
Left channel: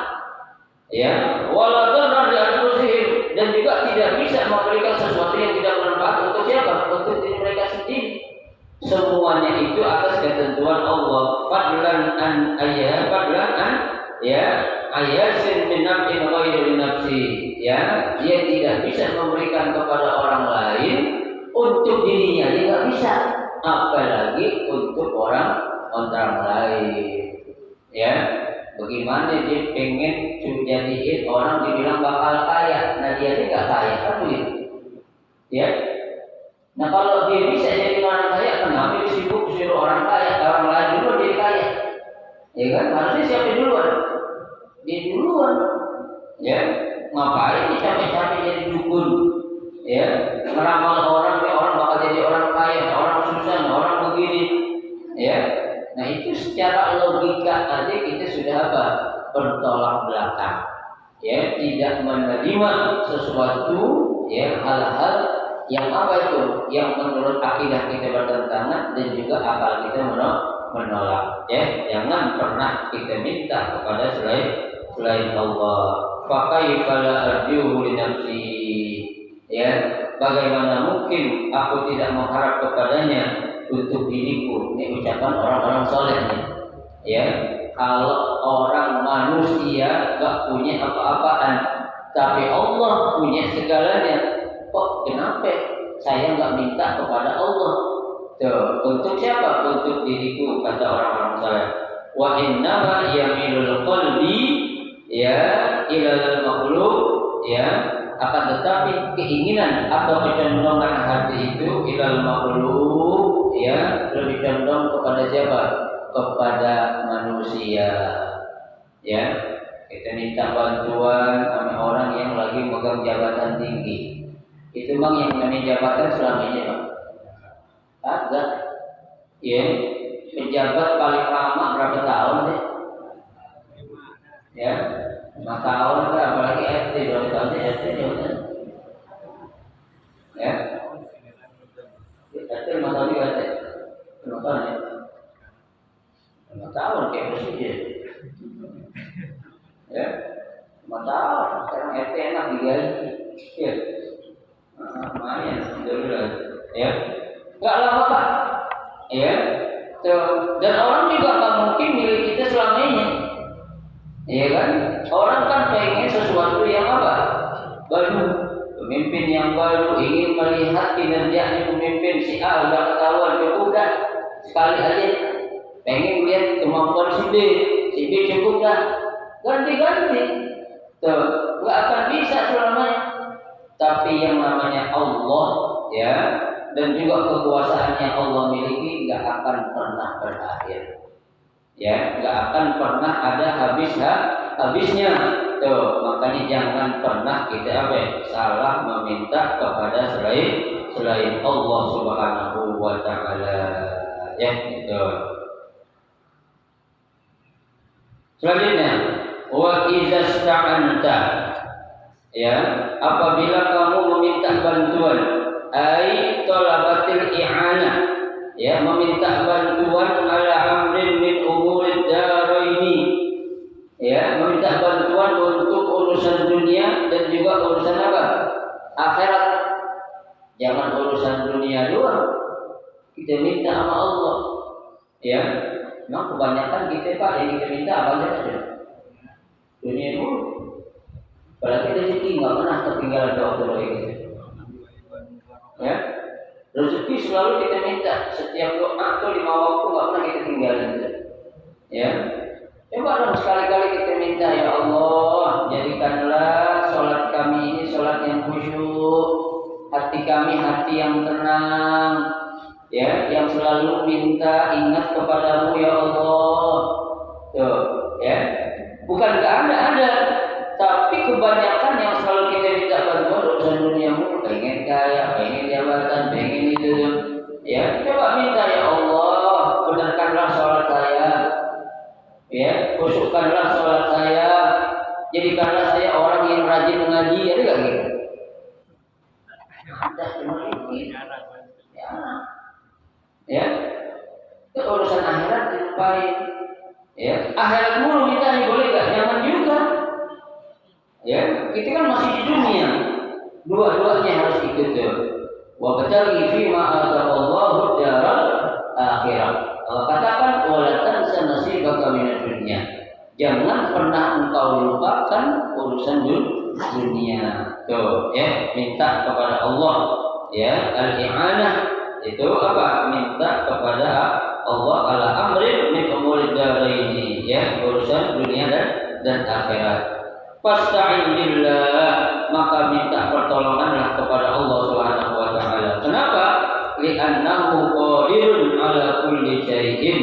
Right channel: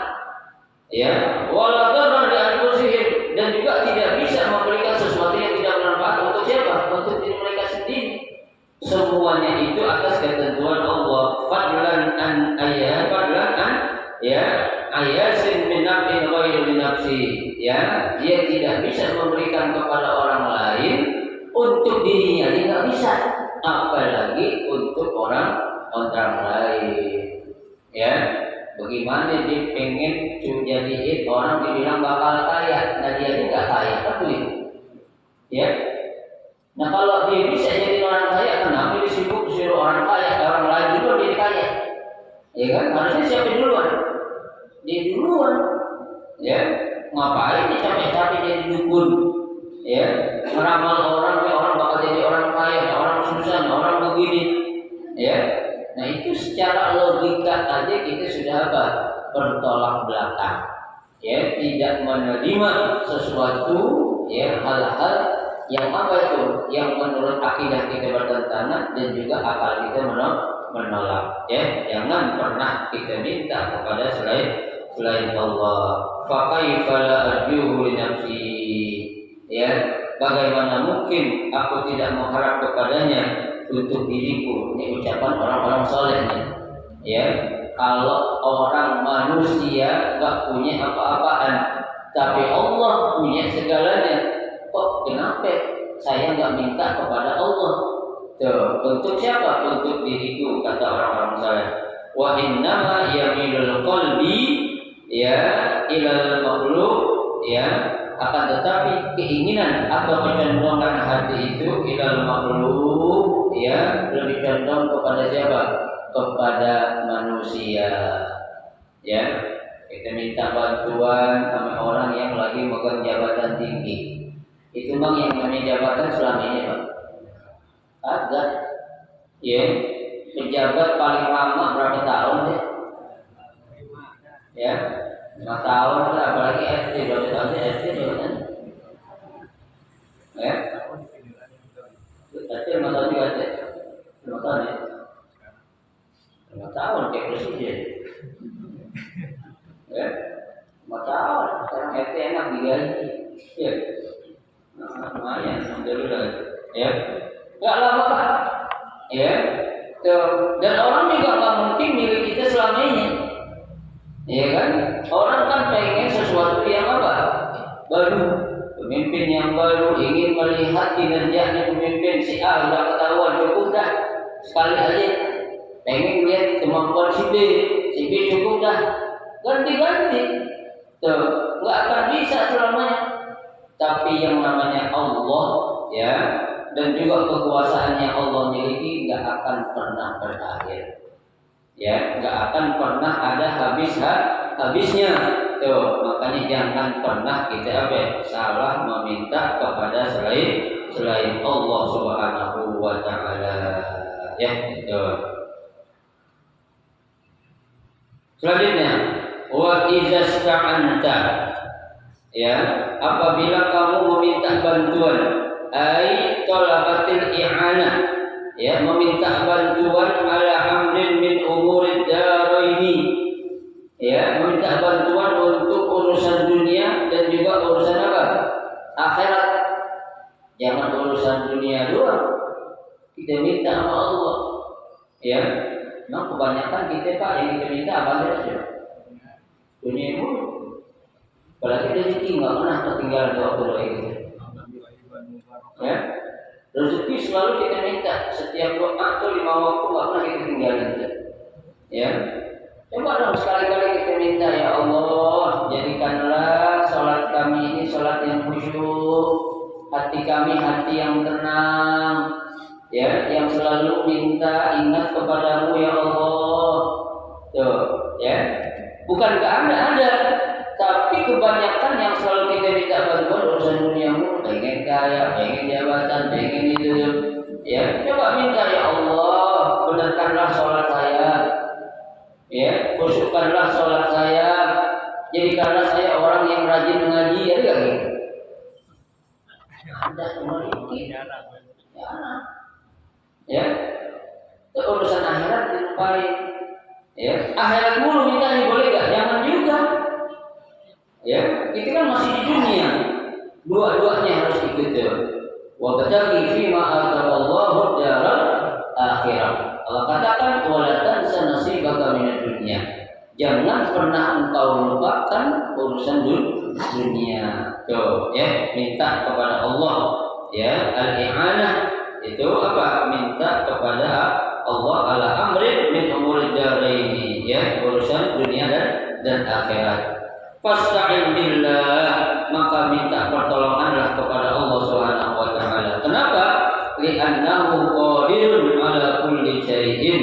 Ya, wala darran li anfusihim, dan juga tidak bisa memberikan sesuatu yang tidak bermanfaat untuk siapa? Untuk diri mereka sendiri. Semuanya itu atas ketentuan Allah. Fadlan an ayasin min naf'in ghairi nafsi. Ya, dia tidak bisa memberikan kepada orang lain untuk dirinya, dia tidak bisa. apalagi untuk orang lain. Ya, bagaimana dia pengen jadiin orang dibilang bakal kaya, nah dia tidak kaya, apa ya? Ya, nah kalau dia bisa jadi orang kaya, kenapa dia sibuk suruh orang kaya, orang lain dulu dia kaya? Ya kan, harusnya siapa duluan? Dia duluan. Ya, ngapain dia capek-capek jadi dukun? Ya, meramal orang, ya orang bakal jadi orang kaya, ya orang susah, ya orang begini. Ya, nah itu secara logika aja kita sudah apa? Bertolak belakang. Ya, tidak menerima sesuatu, ya hal-hal yang apa itu? Yang menurut akidah kita bertentangan dan juga akal kita menolak. Ya, jangan pernah kita minta kepada selain Allah. Fakaifa la arjuhu li nafsi. Ya, bagaimana mungkin aku tidak mengharap kepadanya untuk diriku? Ini ucapan orang-orang soleh nih. Ya, kalau orang manusia gak punya apa-apaan, tapi Allah punya segalanya. Kok kenapa saya gak minta kepada Allah? Tuh, untuk siapa? Untuk diriku, kata orang-orang soleh. Wa innama yamilul qalbi ya ilal makhluk, ya, akan tetapi keinginan atau kecenderungan hati itu ilal makhluk, ya, lebih condong kepada siapa? Kepada manusia. Ya, kita minta bantuan sama orang yang lagi megang jabatan tinggi. Itu bang yang namanya jabatan selama ini bang ada. Ya, pejabat paling lama berapa tahun sih? Ya, 5 tahun lah, apalagi SD 2 tahun SD kan? Ya, SD 5 tahun juga ada, 5 tahun ya, 5 tahun kayak presiden. Ya, 5 tahun. Sekarang SD enak digaji. Ya, lumayan, alhamdulillah. Ya, nggak lama pak. Ya, tuh. Dan orang juga nggak mungkin milik kita selamanya. Ya kan? Orang kan pengen sesuatu yang apa? Baru. Pemimpin yang baru ingin melihat kinerjanya pemimpin si A udah ketahuan, cukup dah. Sekali aja. Pengen lihat kemampuan si B cukup dah. Ganti-ganti. Tuh, nggak akan bisa selamanya. Tapi yang namanya Allah, ya, dan juga kekuasaan yang Allah miliki nggak akan pernah berakhir. Ya, nggak akan pernah ada habisnya. Tuh, makanya jangan pernah kita salah meminta kepada selain Allah Subhanahu wa taala. Ya, itu. Selanjutnya, wa idza sta'anta. Ya, apabila kamu meminta bantuan, ai talabatil i'anah. Ya, meminta bantuan ala amrin min umurid daraini. Ya, meminta bantuan untuk urusan dunia dan juga urusan apa? Akhirat. Jangan urusan dunia doang. Kita minta sama Allah. Ya, memang kebanyakan kita pak yang kita minta apa saja? Dunia dulu. Apalagi rezeki nggak pernah ketinggalan doa kita. Ya. Rezeki selalu kita minta, setiap doa tuh 5 waktu nggak pernah kita tinggalin. Ya, coba dong sekali-kali kita minta, ya Allah, jadikanlah sholat kami ini sholat yang khusyuk, hati kami hati yang tenang, ya, yang selalu minta ingat kepadamu ya Allah. Tuh, ya, bukan nggak ada. Tapi kebanyakan yang selalu kita minta bantuan urusan duniamu, pengen kaya, pengen jabatan, pengen itu tuh. Ya, coba minta ya Allah, benarkanlah sholat saya. Ya, khusyukkanlah sholat saya. Jadikanlah saya orang yang rajin mengaji, ada gak gitu? Ada, cuma ini. Ya, itu urusan akhirat dilupain. Ya, akhirat mulu minta nih boleh gak? Jangan juga. Ya, kita kan masih di dunia. Dua-duanya harus ikut tuh. Wa bataghi fi ma ataqallahu daral akhirah. Allah katakan wala tansa nasibaka minad dunya. Jangan pernah engkau lupakan urusan dunia. Tuh, ya, minta kepada Allah, ya, al-i'anah, itu apa? Minta kepada Allah ala amrin min umuri daraini, ya, urusan dunia dan akhirat. Fasta'in billah, maka minta pertolonganlah kepada Allah Subhanahu wa taala. Kenapa? Li'annahu qadirun ala kulli syai'in.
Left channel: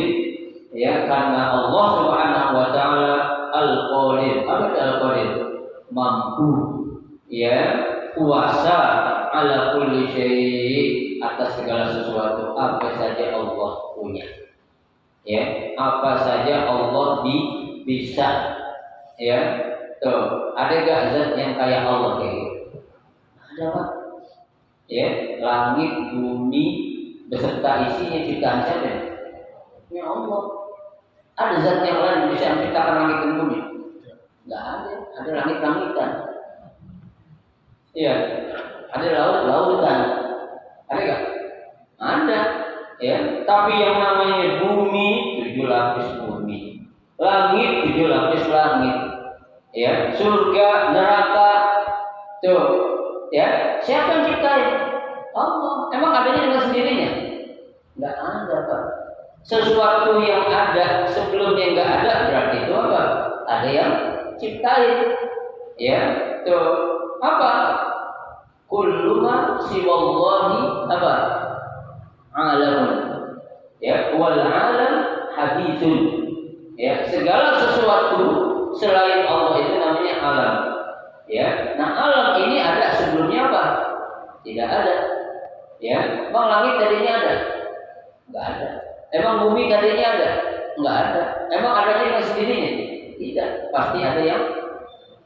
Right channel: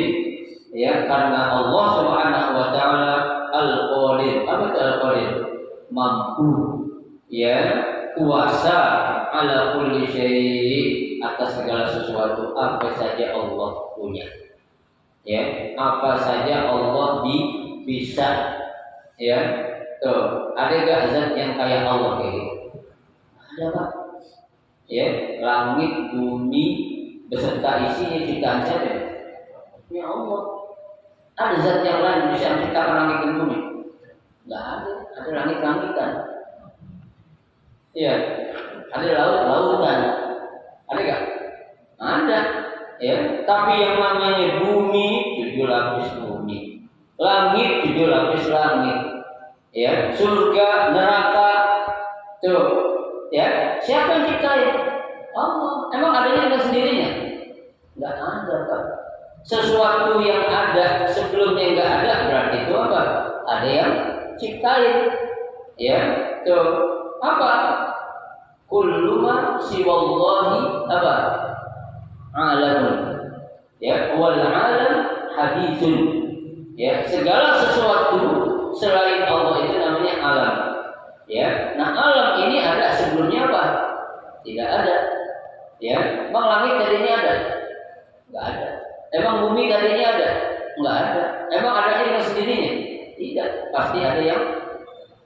Ya, karena Allah Subhanahu wa taala al-qadir. Apa itu al-qadir? Mampu, ya, kuasa ala kulli syai', atas segala sesuatu apa saja Allah punya. Ya, apa saja Allah bisa. Ya, tuh, ada gak zat yang kayak Allah kayak gitu? Ada, Pak. Ya, langit, bumi beserta isinya ciptaan siapa? Ya Allah. Ada zat yang lain bisa menciptakan langit dan bumi? Enggak ada. Ada langit-langitan. Iya. Ada laut-lautan. Ada gak? Ada. Ya. Tapi yang namanya bumi 7 lapis bumi, langit 7 lapis langit. Ya, surga, neraka, tuh, ya, siapa yang ciptain? Allah. Emang adanya dengan sendirinya? Enggak ada, Pak. Sesuatu yang ada sebelumnya enggak ada, berarti itu apa? Ada yang ciptain. Ya, tuh, apa? Kullu ma siwallahi apa? Alamun. Ya, wal alam haditsun. Ya, segala sesuatu selain Allah itu namanya alam. Ya, nah alam ini ada sebelumnya apa? Tidak ada. Ya, emang langit tadinya ada? Enggak ada. Emang bumi tadinya ada? Enggak ada. Emang adanya dengan sendirinya? Tidak. Pasti ada yang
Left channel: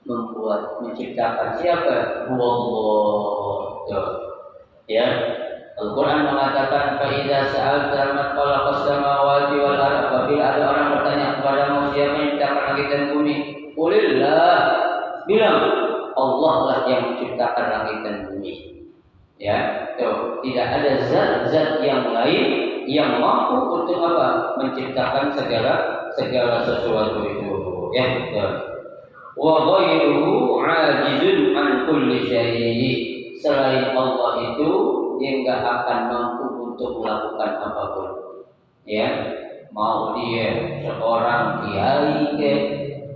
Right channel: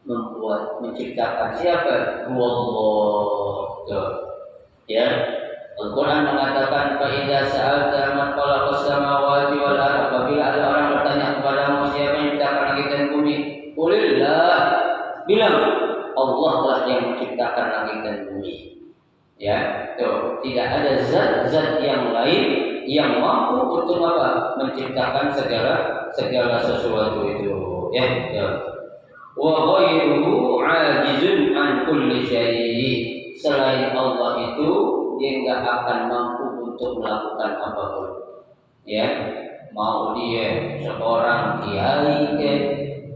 membuat, menciptakan. Siapa? Allah. Ya. Al-Quran mengatakan فَإِذَا سَأَلْتَ مَنْ خَلَقَ السَّمَاوَاتِ وَالْأَرْضَ, apabila ada orang bertanya kepadamu siapa yang menciptakan langit dan bumi, qulillah, bilang Allah lah yang menciptakan langit dan bumi. Ya, tuh, tidak ada zat-zat yang lain yang mampu untuk apa? Menciptakan segala sesuatu itu. Ya, wa ghairuhu 'ajizun an kulli syai'. Selain Allah itu dia enggak akan mampu untuk melakukan apapun. Ya, mau dia seorang kiai ke,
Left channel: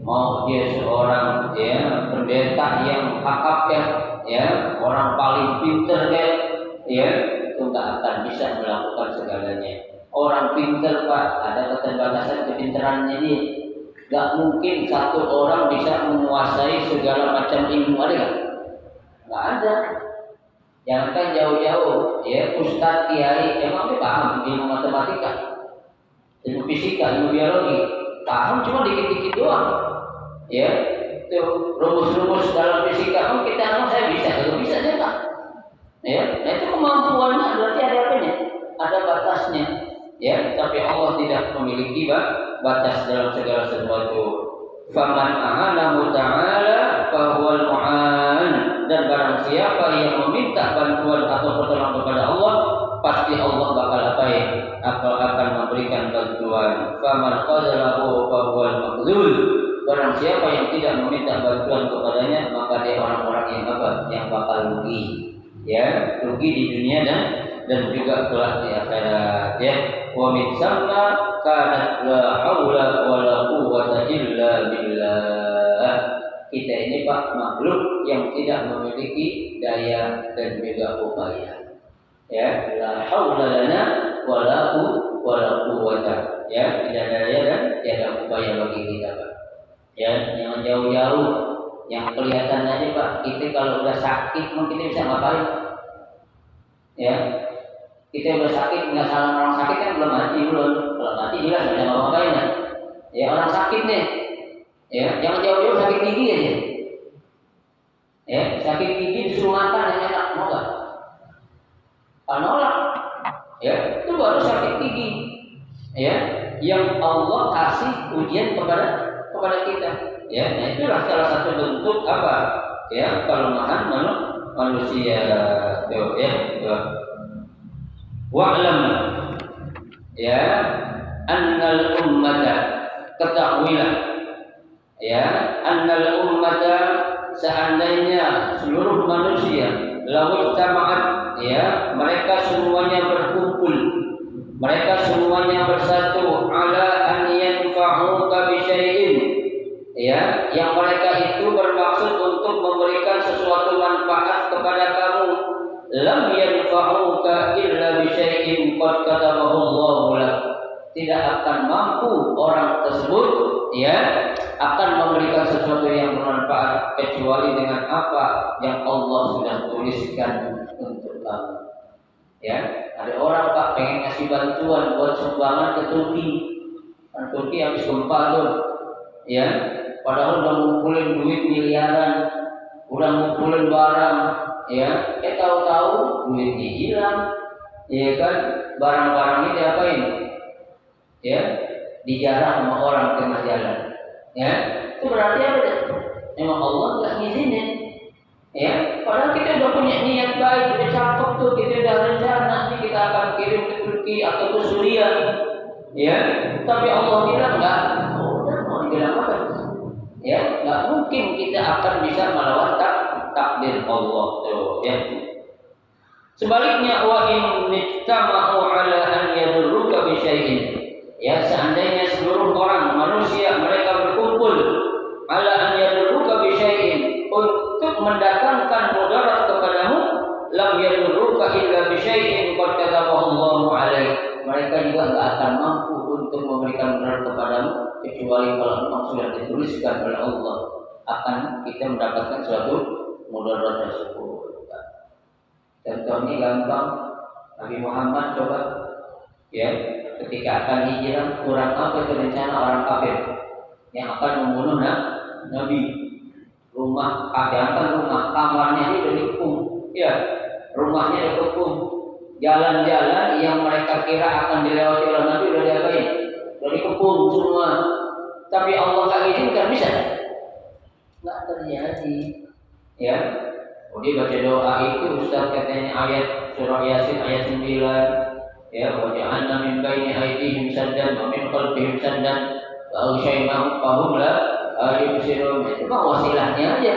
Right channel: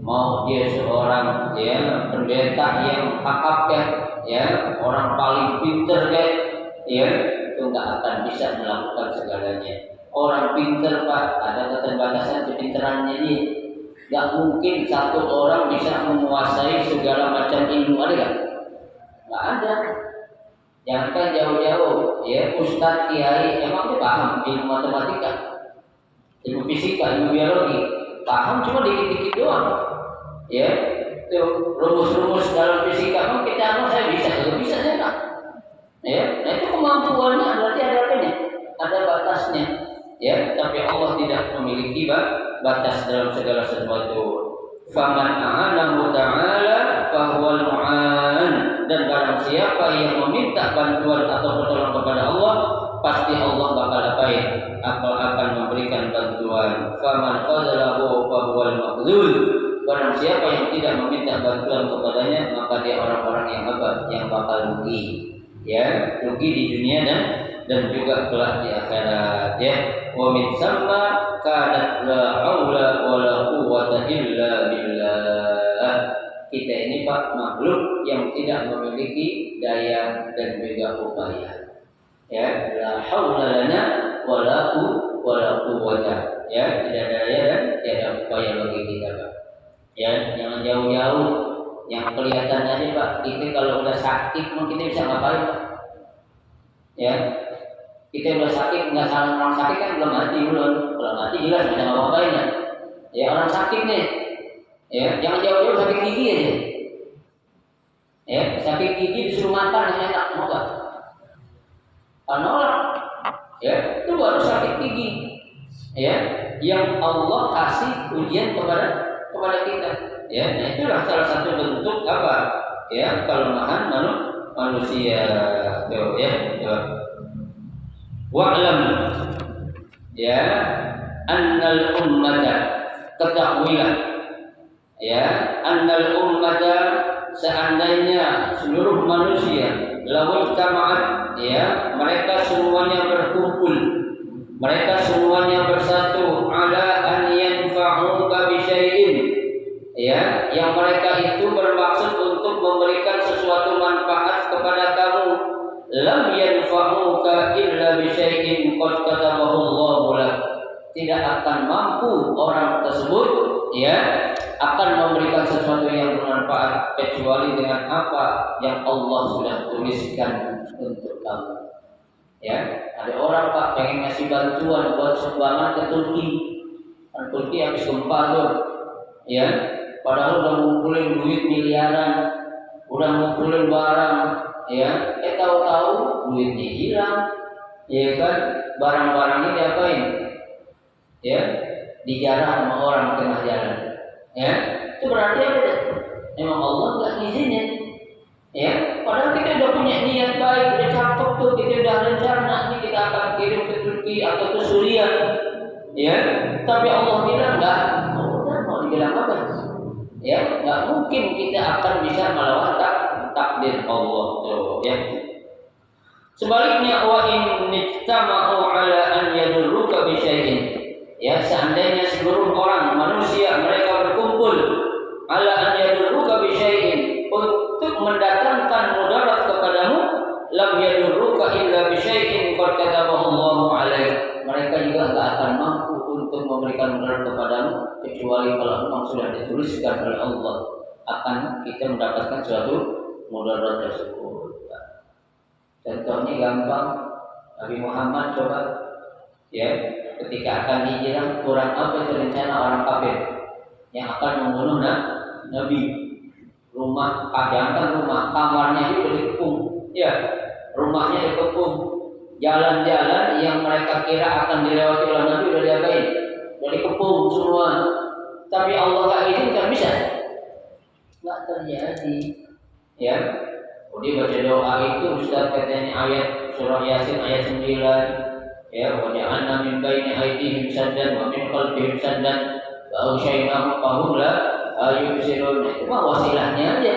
mau dia seorang ya pendeta yang kakap ya, orang paling pinter ke, ya, itu enggak akan bisa melakukan segalanya. Orang pinter, Pak, ada keterbatasan kepinterannya dia. Enggak mungkin satu orang bisa menguasai segala macam ilmu, ada enggak? Enggak ada. Jangankan jauh-jauh, ya, ustadz kiai emang dia paham ilmu matematika, ilmu fisika, ilmu biologi, paham cuma dikit-dikit doang. Ya, itu rumus-rumus dalam fisika kan kita emang saya bisa, kalau bisa saya tak. Ya, nah itu kemampuannya berarti ada apanya? Ada batasnya. Ya, tapi Allah tidak memiliki batas dalam segala sesuatu. Faman a'anahu ta'ala fahuwal mu'an, dan barang siapa yang meminta bantuan atau pertolongan kepada Allah, pasti Allah bakal akan memberikan bantuan. Faman qadalahu fahuwal makhzul, barang siapa yang tidak meminta bantuan kepadanya, maka dia orang-orang yang apa? Yang bakal rugi. Ya, rugi di dunia dan juga kelak di akhirat. Ya, wa min samma kanat la haula wala quwwata illa billah. Kita ini, Pak, makhluk yang tidak memiliki daya dan juga upaya. Ya, la haula lana wala quwwata. Ya, tidak ada daya dan tiada upaya bagi kita, Pak. Ya, jangan jauh-jauh. Yang kelihatan aja, Pak, kita kalau udah sakit, kita bisa ngapain, Pak? Ya, kita udah sakit, nggak salah orang sakit kan belum mati. Kalau mati jelas nggak bisa ngapain ya. Ya, orang sakit nih, ya, jangan jauh-jauh sakit gigi aja. Ya, sakit gigi disuruh makan yang enak, mau nggak? Kalau nolak, ya, itu baru sakit gigi. Ya, yang Allah kasih ujian kepada kita. Ya, nah itulah salah satu bentuk apa? Ya, kelemahan manusia. Tuh, ya, tuh. Wa'lam, ya, annal ummata, ketahuilah, ya, annal ummata, seandainya seluruh manusia lawil tama'at ya, mereka semuanya berkumpul, mereka semuanya bersatu ala an yanfa'uka bi syai'in, ya, yang mereka itu bermaksud untuk memberikan sesuatu manfaat kepada kamu. Lam yanfa'uka illa bi syai'in qad katabahu Allahu lak. Tidak akan mampu orang tersebut, ya, akan memberikan sesuatu yang bermanfaat kecuali dengan apa yang Allah sudah tuliskan untuk kamu. Ya, ada orang Pak pengen ngasih bantuan buat sumbangan ke Turki. Kan Turki habis gempa tuh. Ya, padahal udah ngumpulin duit miliaran, udah ngumpulin barang, ya, tahu-tahu duitnya hilang. Ya kan, barang-barangnya diapain? Ya, dijarah sama orang tengah jalan. Ya, itu berarti apa? Memang Allah nggak ngizinin. Ya, padahal kita udah punya niat baik, udah cakep tuh, kita udah rencana nanti kita akan kirim ke Turki atau ke Suriah. Ya, tapi Allah bilang enggak. Udah mau dibilang apa? Ya, nggak mungkin kita akan bisa melawan takdir Allah tuh. Ya. Sebaliknya, wa in nijtama'u ala an yadurruka bi syai'in. Ya, seandainya seluruh orang manusia mereka berkumpul ala an yadurruka bi syai'in untuk mendatangkan mudarat kepadamu, lam yadurruka illa bi syai'in qad katabahu Allahu 'alaik. Mereka juga enggak akan mampu untuk memberikan mudarat kepadamu kecuali kalau memang sudah dituliskan oleh Allah akan kita mendapatkan suatu mudarat tersebut. Contohnya gampang, Nabi Muhammad coba, ya, ketika akan hijrah, kurang apa rencana orang kafir yang akan membunuh Nabi. Rumah, jangan rumah, kamarnya itu dikepung, ya, rumahnya dikepung, jalan-jalan yang mereka kira akan dilewati oleh Nabi udah diapain, udah dikepung semua. Tapi Allah nggak izinkan, bisa? Nggak terjadi, ya. Dia baca doa itu, Ustaz katanya ayat surah Yasin ayat 9. Ya, wa ja'alna min baini aydihim saddan wa min khalfihim saddan wa aghshaynahum fahum la yubsirun. Itu mah wasilahnya aja.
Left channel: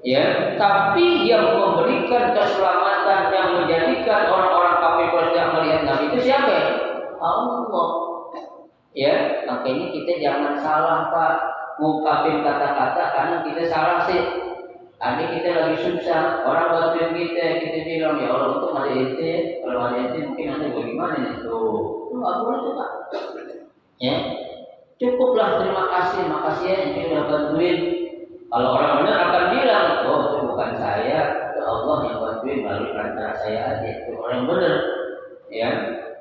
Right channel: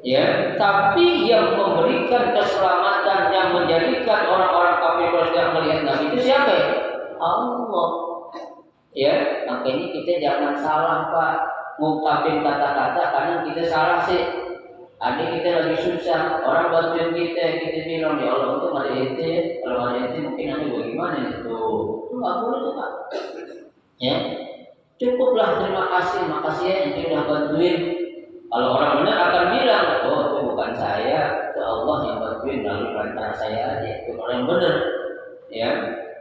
Ya, tapi yang memberikan keselamatan, yang menjadikan orang-orang kafir tidak melihat Nabi itu siapa? Allah. Ya, makanya kita jangan salah Pak ngungkapin kata-kata karena kita salah sih. Ada kita lagi susah, orang bantuin kita bilang ya Allah untung ada ente, kalau ada ente mungkin nanti bagaimana nih tuh, itu nggak boleh tuh Pak. Ya, cukuplah terima kasih, makasih ya ente udah bantuin. Kalau orang benar akan bilang, oh itu bukan saya, itu Allah yang bantuin melalui antara saya aja. Itu orang benar. Ya,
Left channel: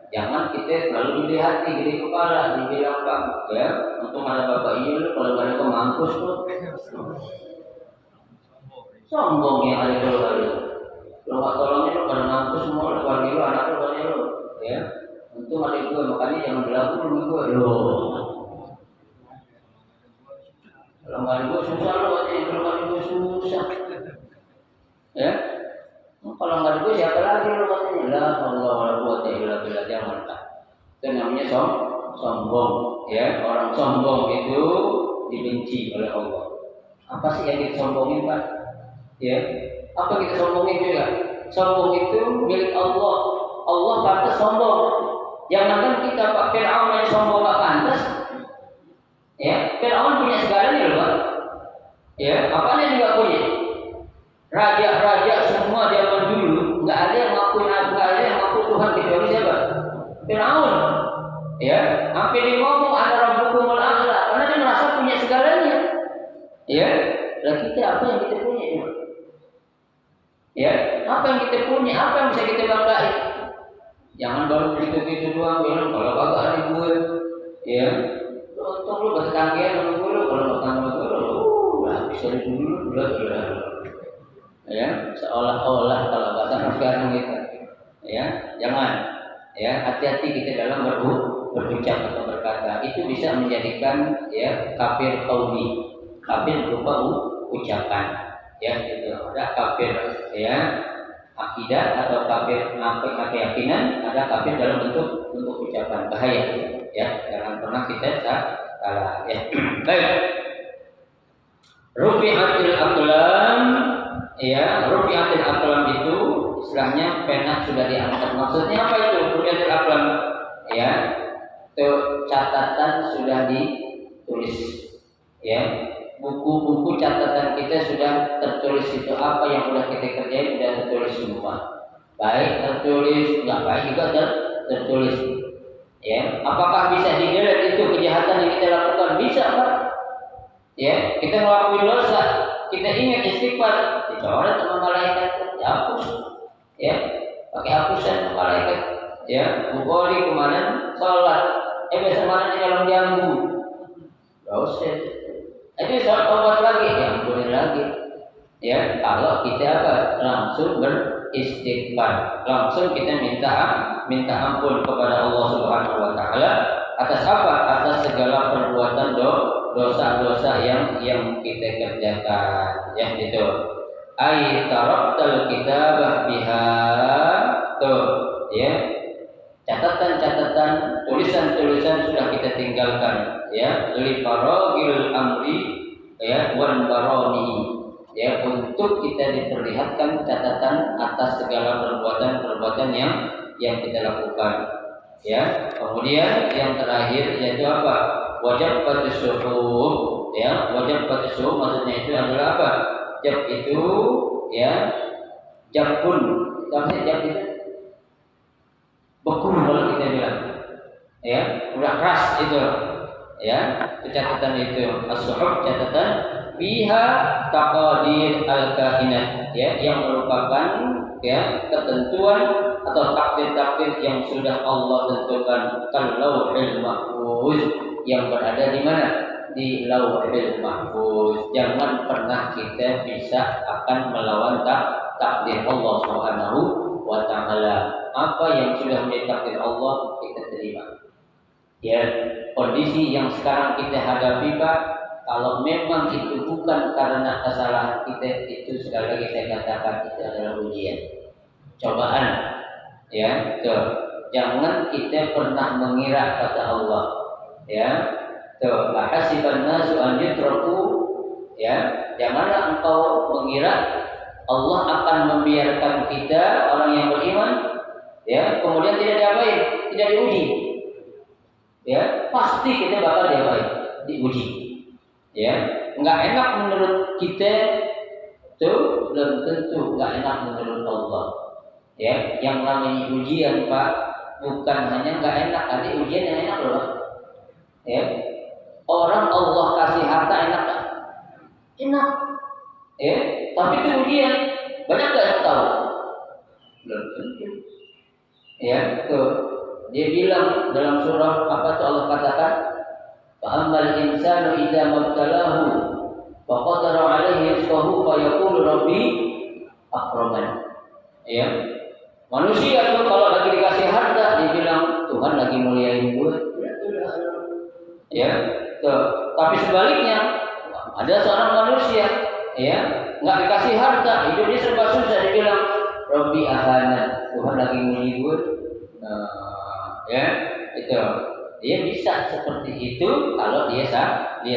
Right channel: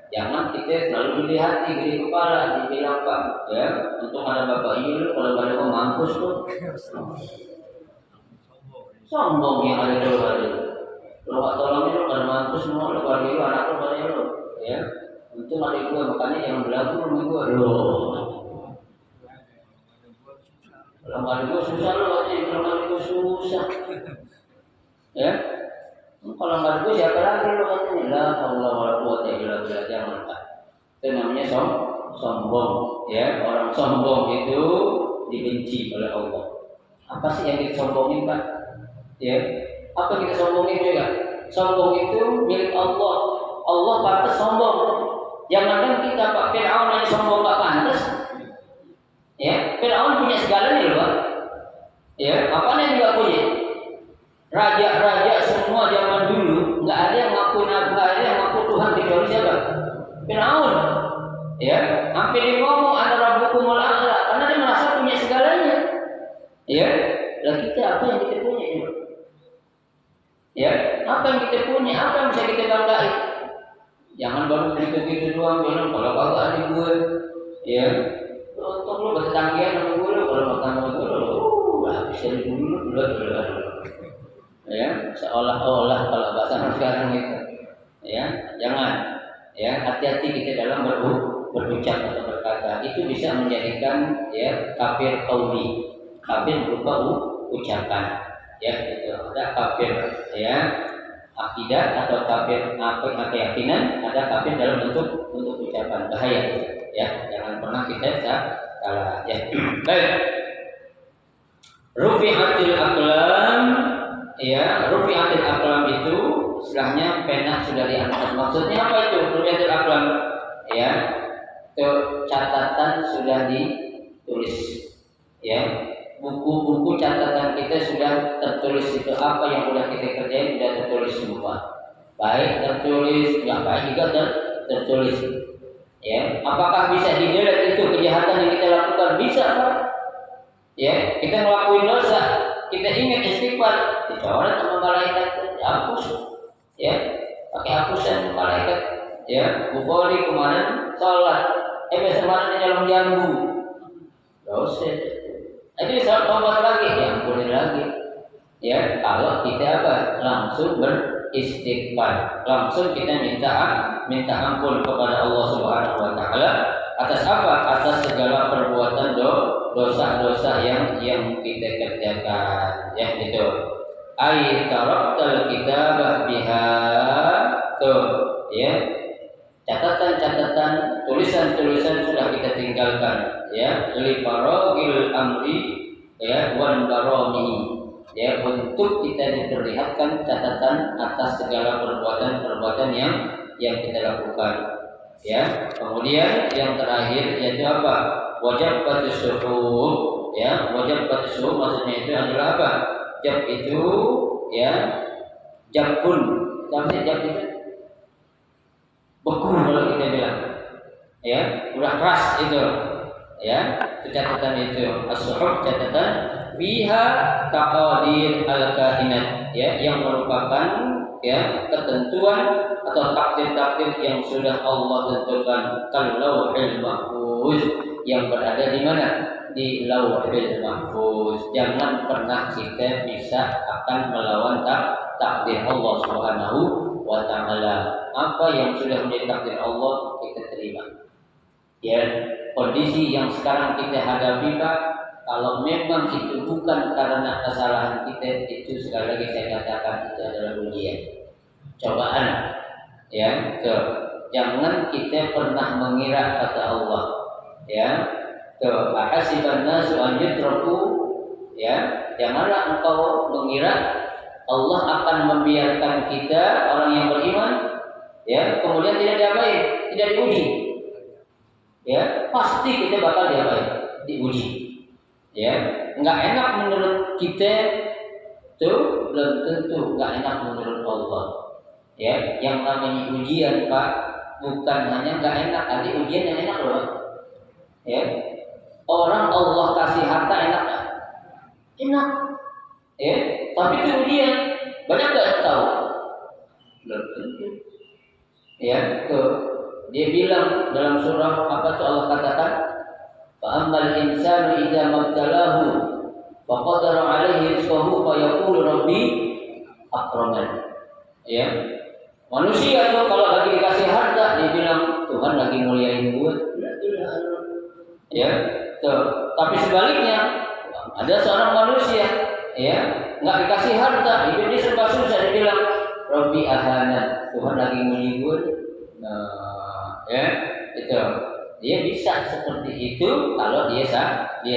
jangan kita selalu dilihat di kepala, dibilang Pak, ya untung ada bapak ini, kalau ada kok mampus tuh. Sombong yang ada keluarga lu. Lu gak tolongnya lu pada mampus semua, lu keluarga lu, anak lu, banyak lu. Ya, untung ada gue, makanya jangan berlaku sama gue. Kalau gak ada gue susah lu, katanya kalau gak ada gue susah. Ya, kalau gak ada gue siapa lagi lu katanya? La Allah wa la quwwata illa billah, jangan Pak. Itu namanya sombong. Ya, orang sombong itu dibenci oleh Allah. Apa sih yang disombongin Pak? Ya, apa kita sombongin juga? Sombong itu milik Allah. Allah pantas sombong. Jangankan kita Pak, Fir'aun yang sombong gak pantas. Ya, Fir'aun punya segalanya loh Pak. Ya, apaan yang nggak punya? Raja-raja semua zaman dulu nggak ada yang ngaku Tuhan kecuali siapa? Fir'aun. Ya, hampir dia ngomong ada rabbukumul a'la karena dia merasa punya segalanya. Ya, lah kita apa yang kita punya? Ya, apa yang kita punya, apa yang bisa kita banggain? Jangan baru begitu doang, bilang kalau kagak ada gue, ya, untung lu bertetanggian sama gue, kalau bertetangga gue, lah bisa dulu, ya, seolah-olah kalau bahasa sekarang gitu, ya, jangan, ya, hati-hati kita dalam berucap atau berkata, itu bisa menjadikan ya kafir qauli, kafir berupa ucapan. Ya, itu ada kafir ya akidah atau kafir keyakinan, ada kafir dalam bentuk ucapan, bahaya ya, jangan pernah kita salah ya. Baik, rufi'atil aqlam ya, rufi'atil aqlam itu istilahnya pena sudah diangkat. Maksudnya apa itu? Rufi'atil aqlam, ya, itu catatan sudah ditulis, ya, buku-buku catatan kita sudah tertulis. Itu apa yang sudah kita kerjain sudah tertulis semua, baik tertulis, nggak baik juga tertulis, ya. Apakah bisa di-delete itu kejahatan yang kita lakukan? Bisa, Pak. Ya, kita ngelakuin dosa, kita ingat istighfar, dicoret sama malaikat, dihapus, ya, pakai hapusan malaikat, ya. Bukhari kemarin sholat, besok kemarin di dalam jambu, dosa. Jadi sholat tobat lagi, diampunin lagi, ya. Kalau kita apa? Langsung beristighfar, langsung kita minta ampun kepada Allah Subhanahu Wa Taala atas apa? Atas segala perbuatan dosa-dosa yang kita kerjakan, ya, gitu. Ai taraktal kitabah biha, tuh, ya, catatan-catatan, tulisan-tulisan sudah kita tinggalkan, ya, li faragil amri, ya, wan barami, ya, untuk kita diperlihatkan catatan atas segala perbuatan-perbuatan yang kita lakukan, ya. Kemudian yang terakhir yaitu apa? Wajib suhub, ya. Wajib suhub maksudnya itu adalah apa? Jab itu, ya, jabun. Apa sih jab itu? Beku kalau kita bilang, ya, udah keras itu, ya. Itu catatan itu. As-suhub catatan fiha taqadir al-kainat, ya, yang merupakan, ya, ketentuan atau takdir-takdir yang sudah Allah tentukan. Kalauhil mahfuz, yang berada di mana? Di lauhil mahfuz. Jangan pernah kita bisa akan melawan takdir Allah Subhanahu Wa Taala. Apa yang sudah menjadi takdir Allah kita terima, ya. Kondisi yang sekarang kita hadapi, Pak, kalau memang itu bukan karena kesalahan kita, itu sekali lagi saya katakan itu adalah ujian, cobaan, ya. Tuh, jangan kita pernah mengira, kata Allah, ya, tuh, ahasiban nasu an yutraku, ya, janganlah engkau mengira Allah akan membiarkan kita orang yang beriman, ya, kemudian tidak diapain, tidak diuji, ya. Pasti kita bakal diuji, ya. Nggak enak menurut kita, tuh, belum tentu nggak enak menurut Allah, ya. Yang namanya ujian, Pak, bukan hanya nggak enak, ada ujian yang enak loh, ya. Orang Allah kasih harta enak gak? Enak, ya. Tapi itu ujian, banyak gak yang tahu? Belum tentu, ya. Dia bilang dalam surah apa itu Allah katakan, fa'amal insanu idza mabtalahu faqadara alaihi rizqahu fayaqulu rabbi akraman, ya. Manusia tuh kalau lagi dikasih harta dia bilang Tuhan lagi muliain gue, ya. Tuh. Tapi sebaliknya ada seorang manusia, ya, nggak dikasih harta, hidupnya serba susah, dia bilang Rabbi ahana, Tuhan lagi muliain gue. Nah, ya, itu dia bisa seperti itu kalau dia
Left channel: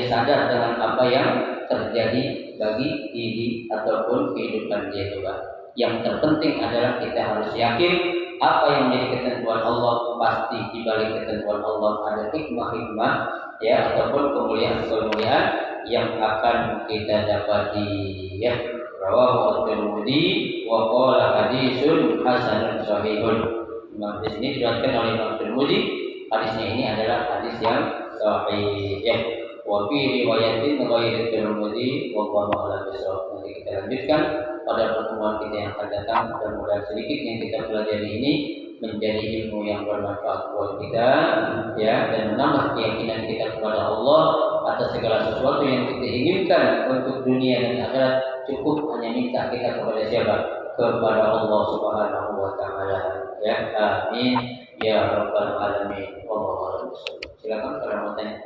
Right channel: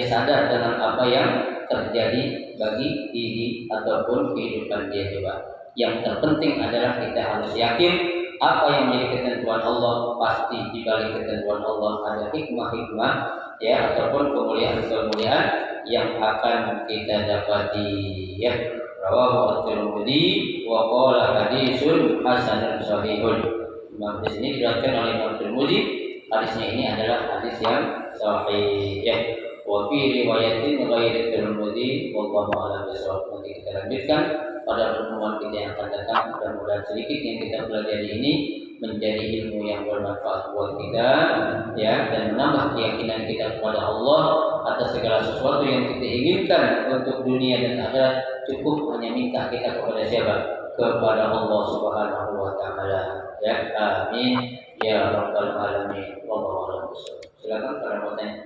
sadar dengan apa yang terjadi bagi diri ataupun kehidupan dia, coba. Yang terpenting adalah kita harus yakin apa yang menjadi ketentuan Allah, pasti di balik ketentuan Allah ada hikmah-hikmah, ya, ataupun kemuliaan-kemuliaan yang akan kita dapati, ya. Rawahu at-Tirmidzi wa qala hadisun hasanun sahihun. Imam di sini diriwayatkan oleh Imam Tirmidzi, hadisnya ini adalah hadis yang sahih, ya. Wa fi riwayatin ghairi Tirmidzi wallahu a'lam bishawab. Nanti kita lanjutkan pada pertemuan kita yang akan datang. Mudah-mudahan sedikit yang kita pelajari ini menjadi ilmu yang bermanfaat buat kita, ya, dan menambah keyakinan kita kepada Allah atas segala sesuatu yang kita inginkan untuk dunia dan akhirat. Cukup hanya minta kita kepada siapa? Kepada Allah Subhanahu Wa Taala, ya. Amin ya rabbal alamin. Wallahu a'lam bishawab. Silakan kalau mau tanya.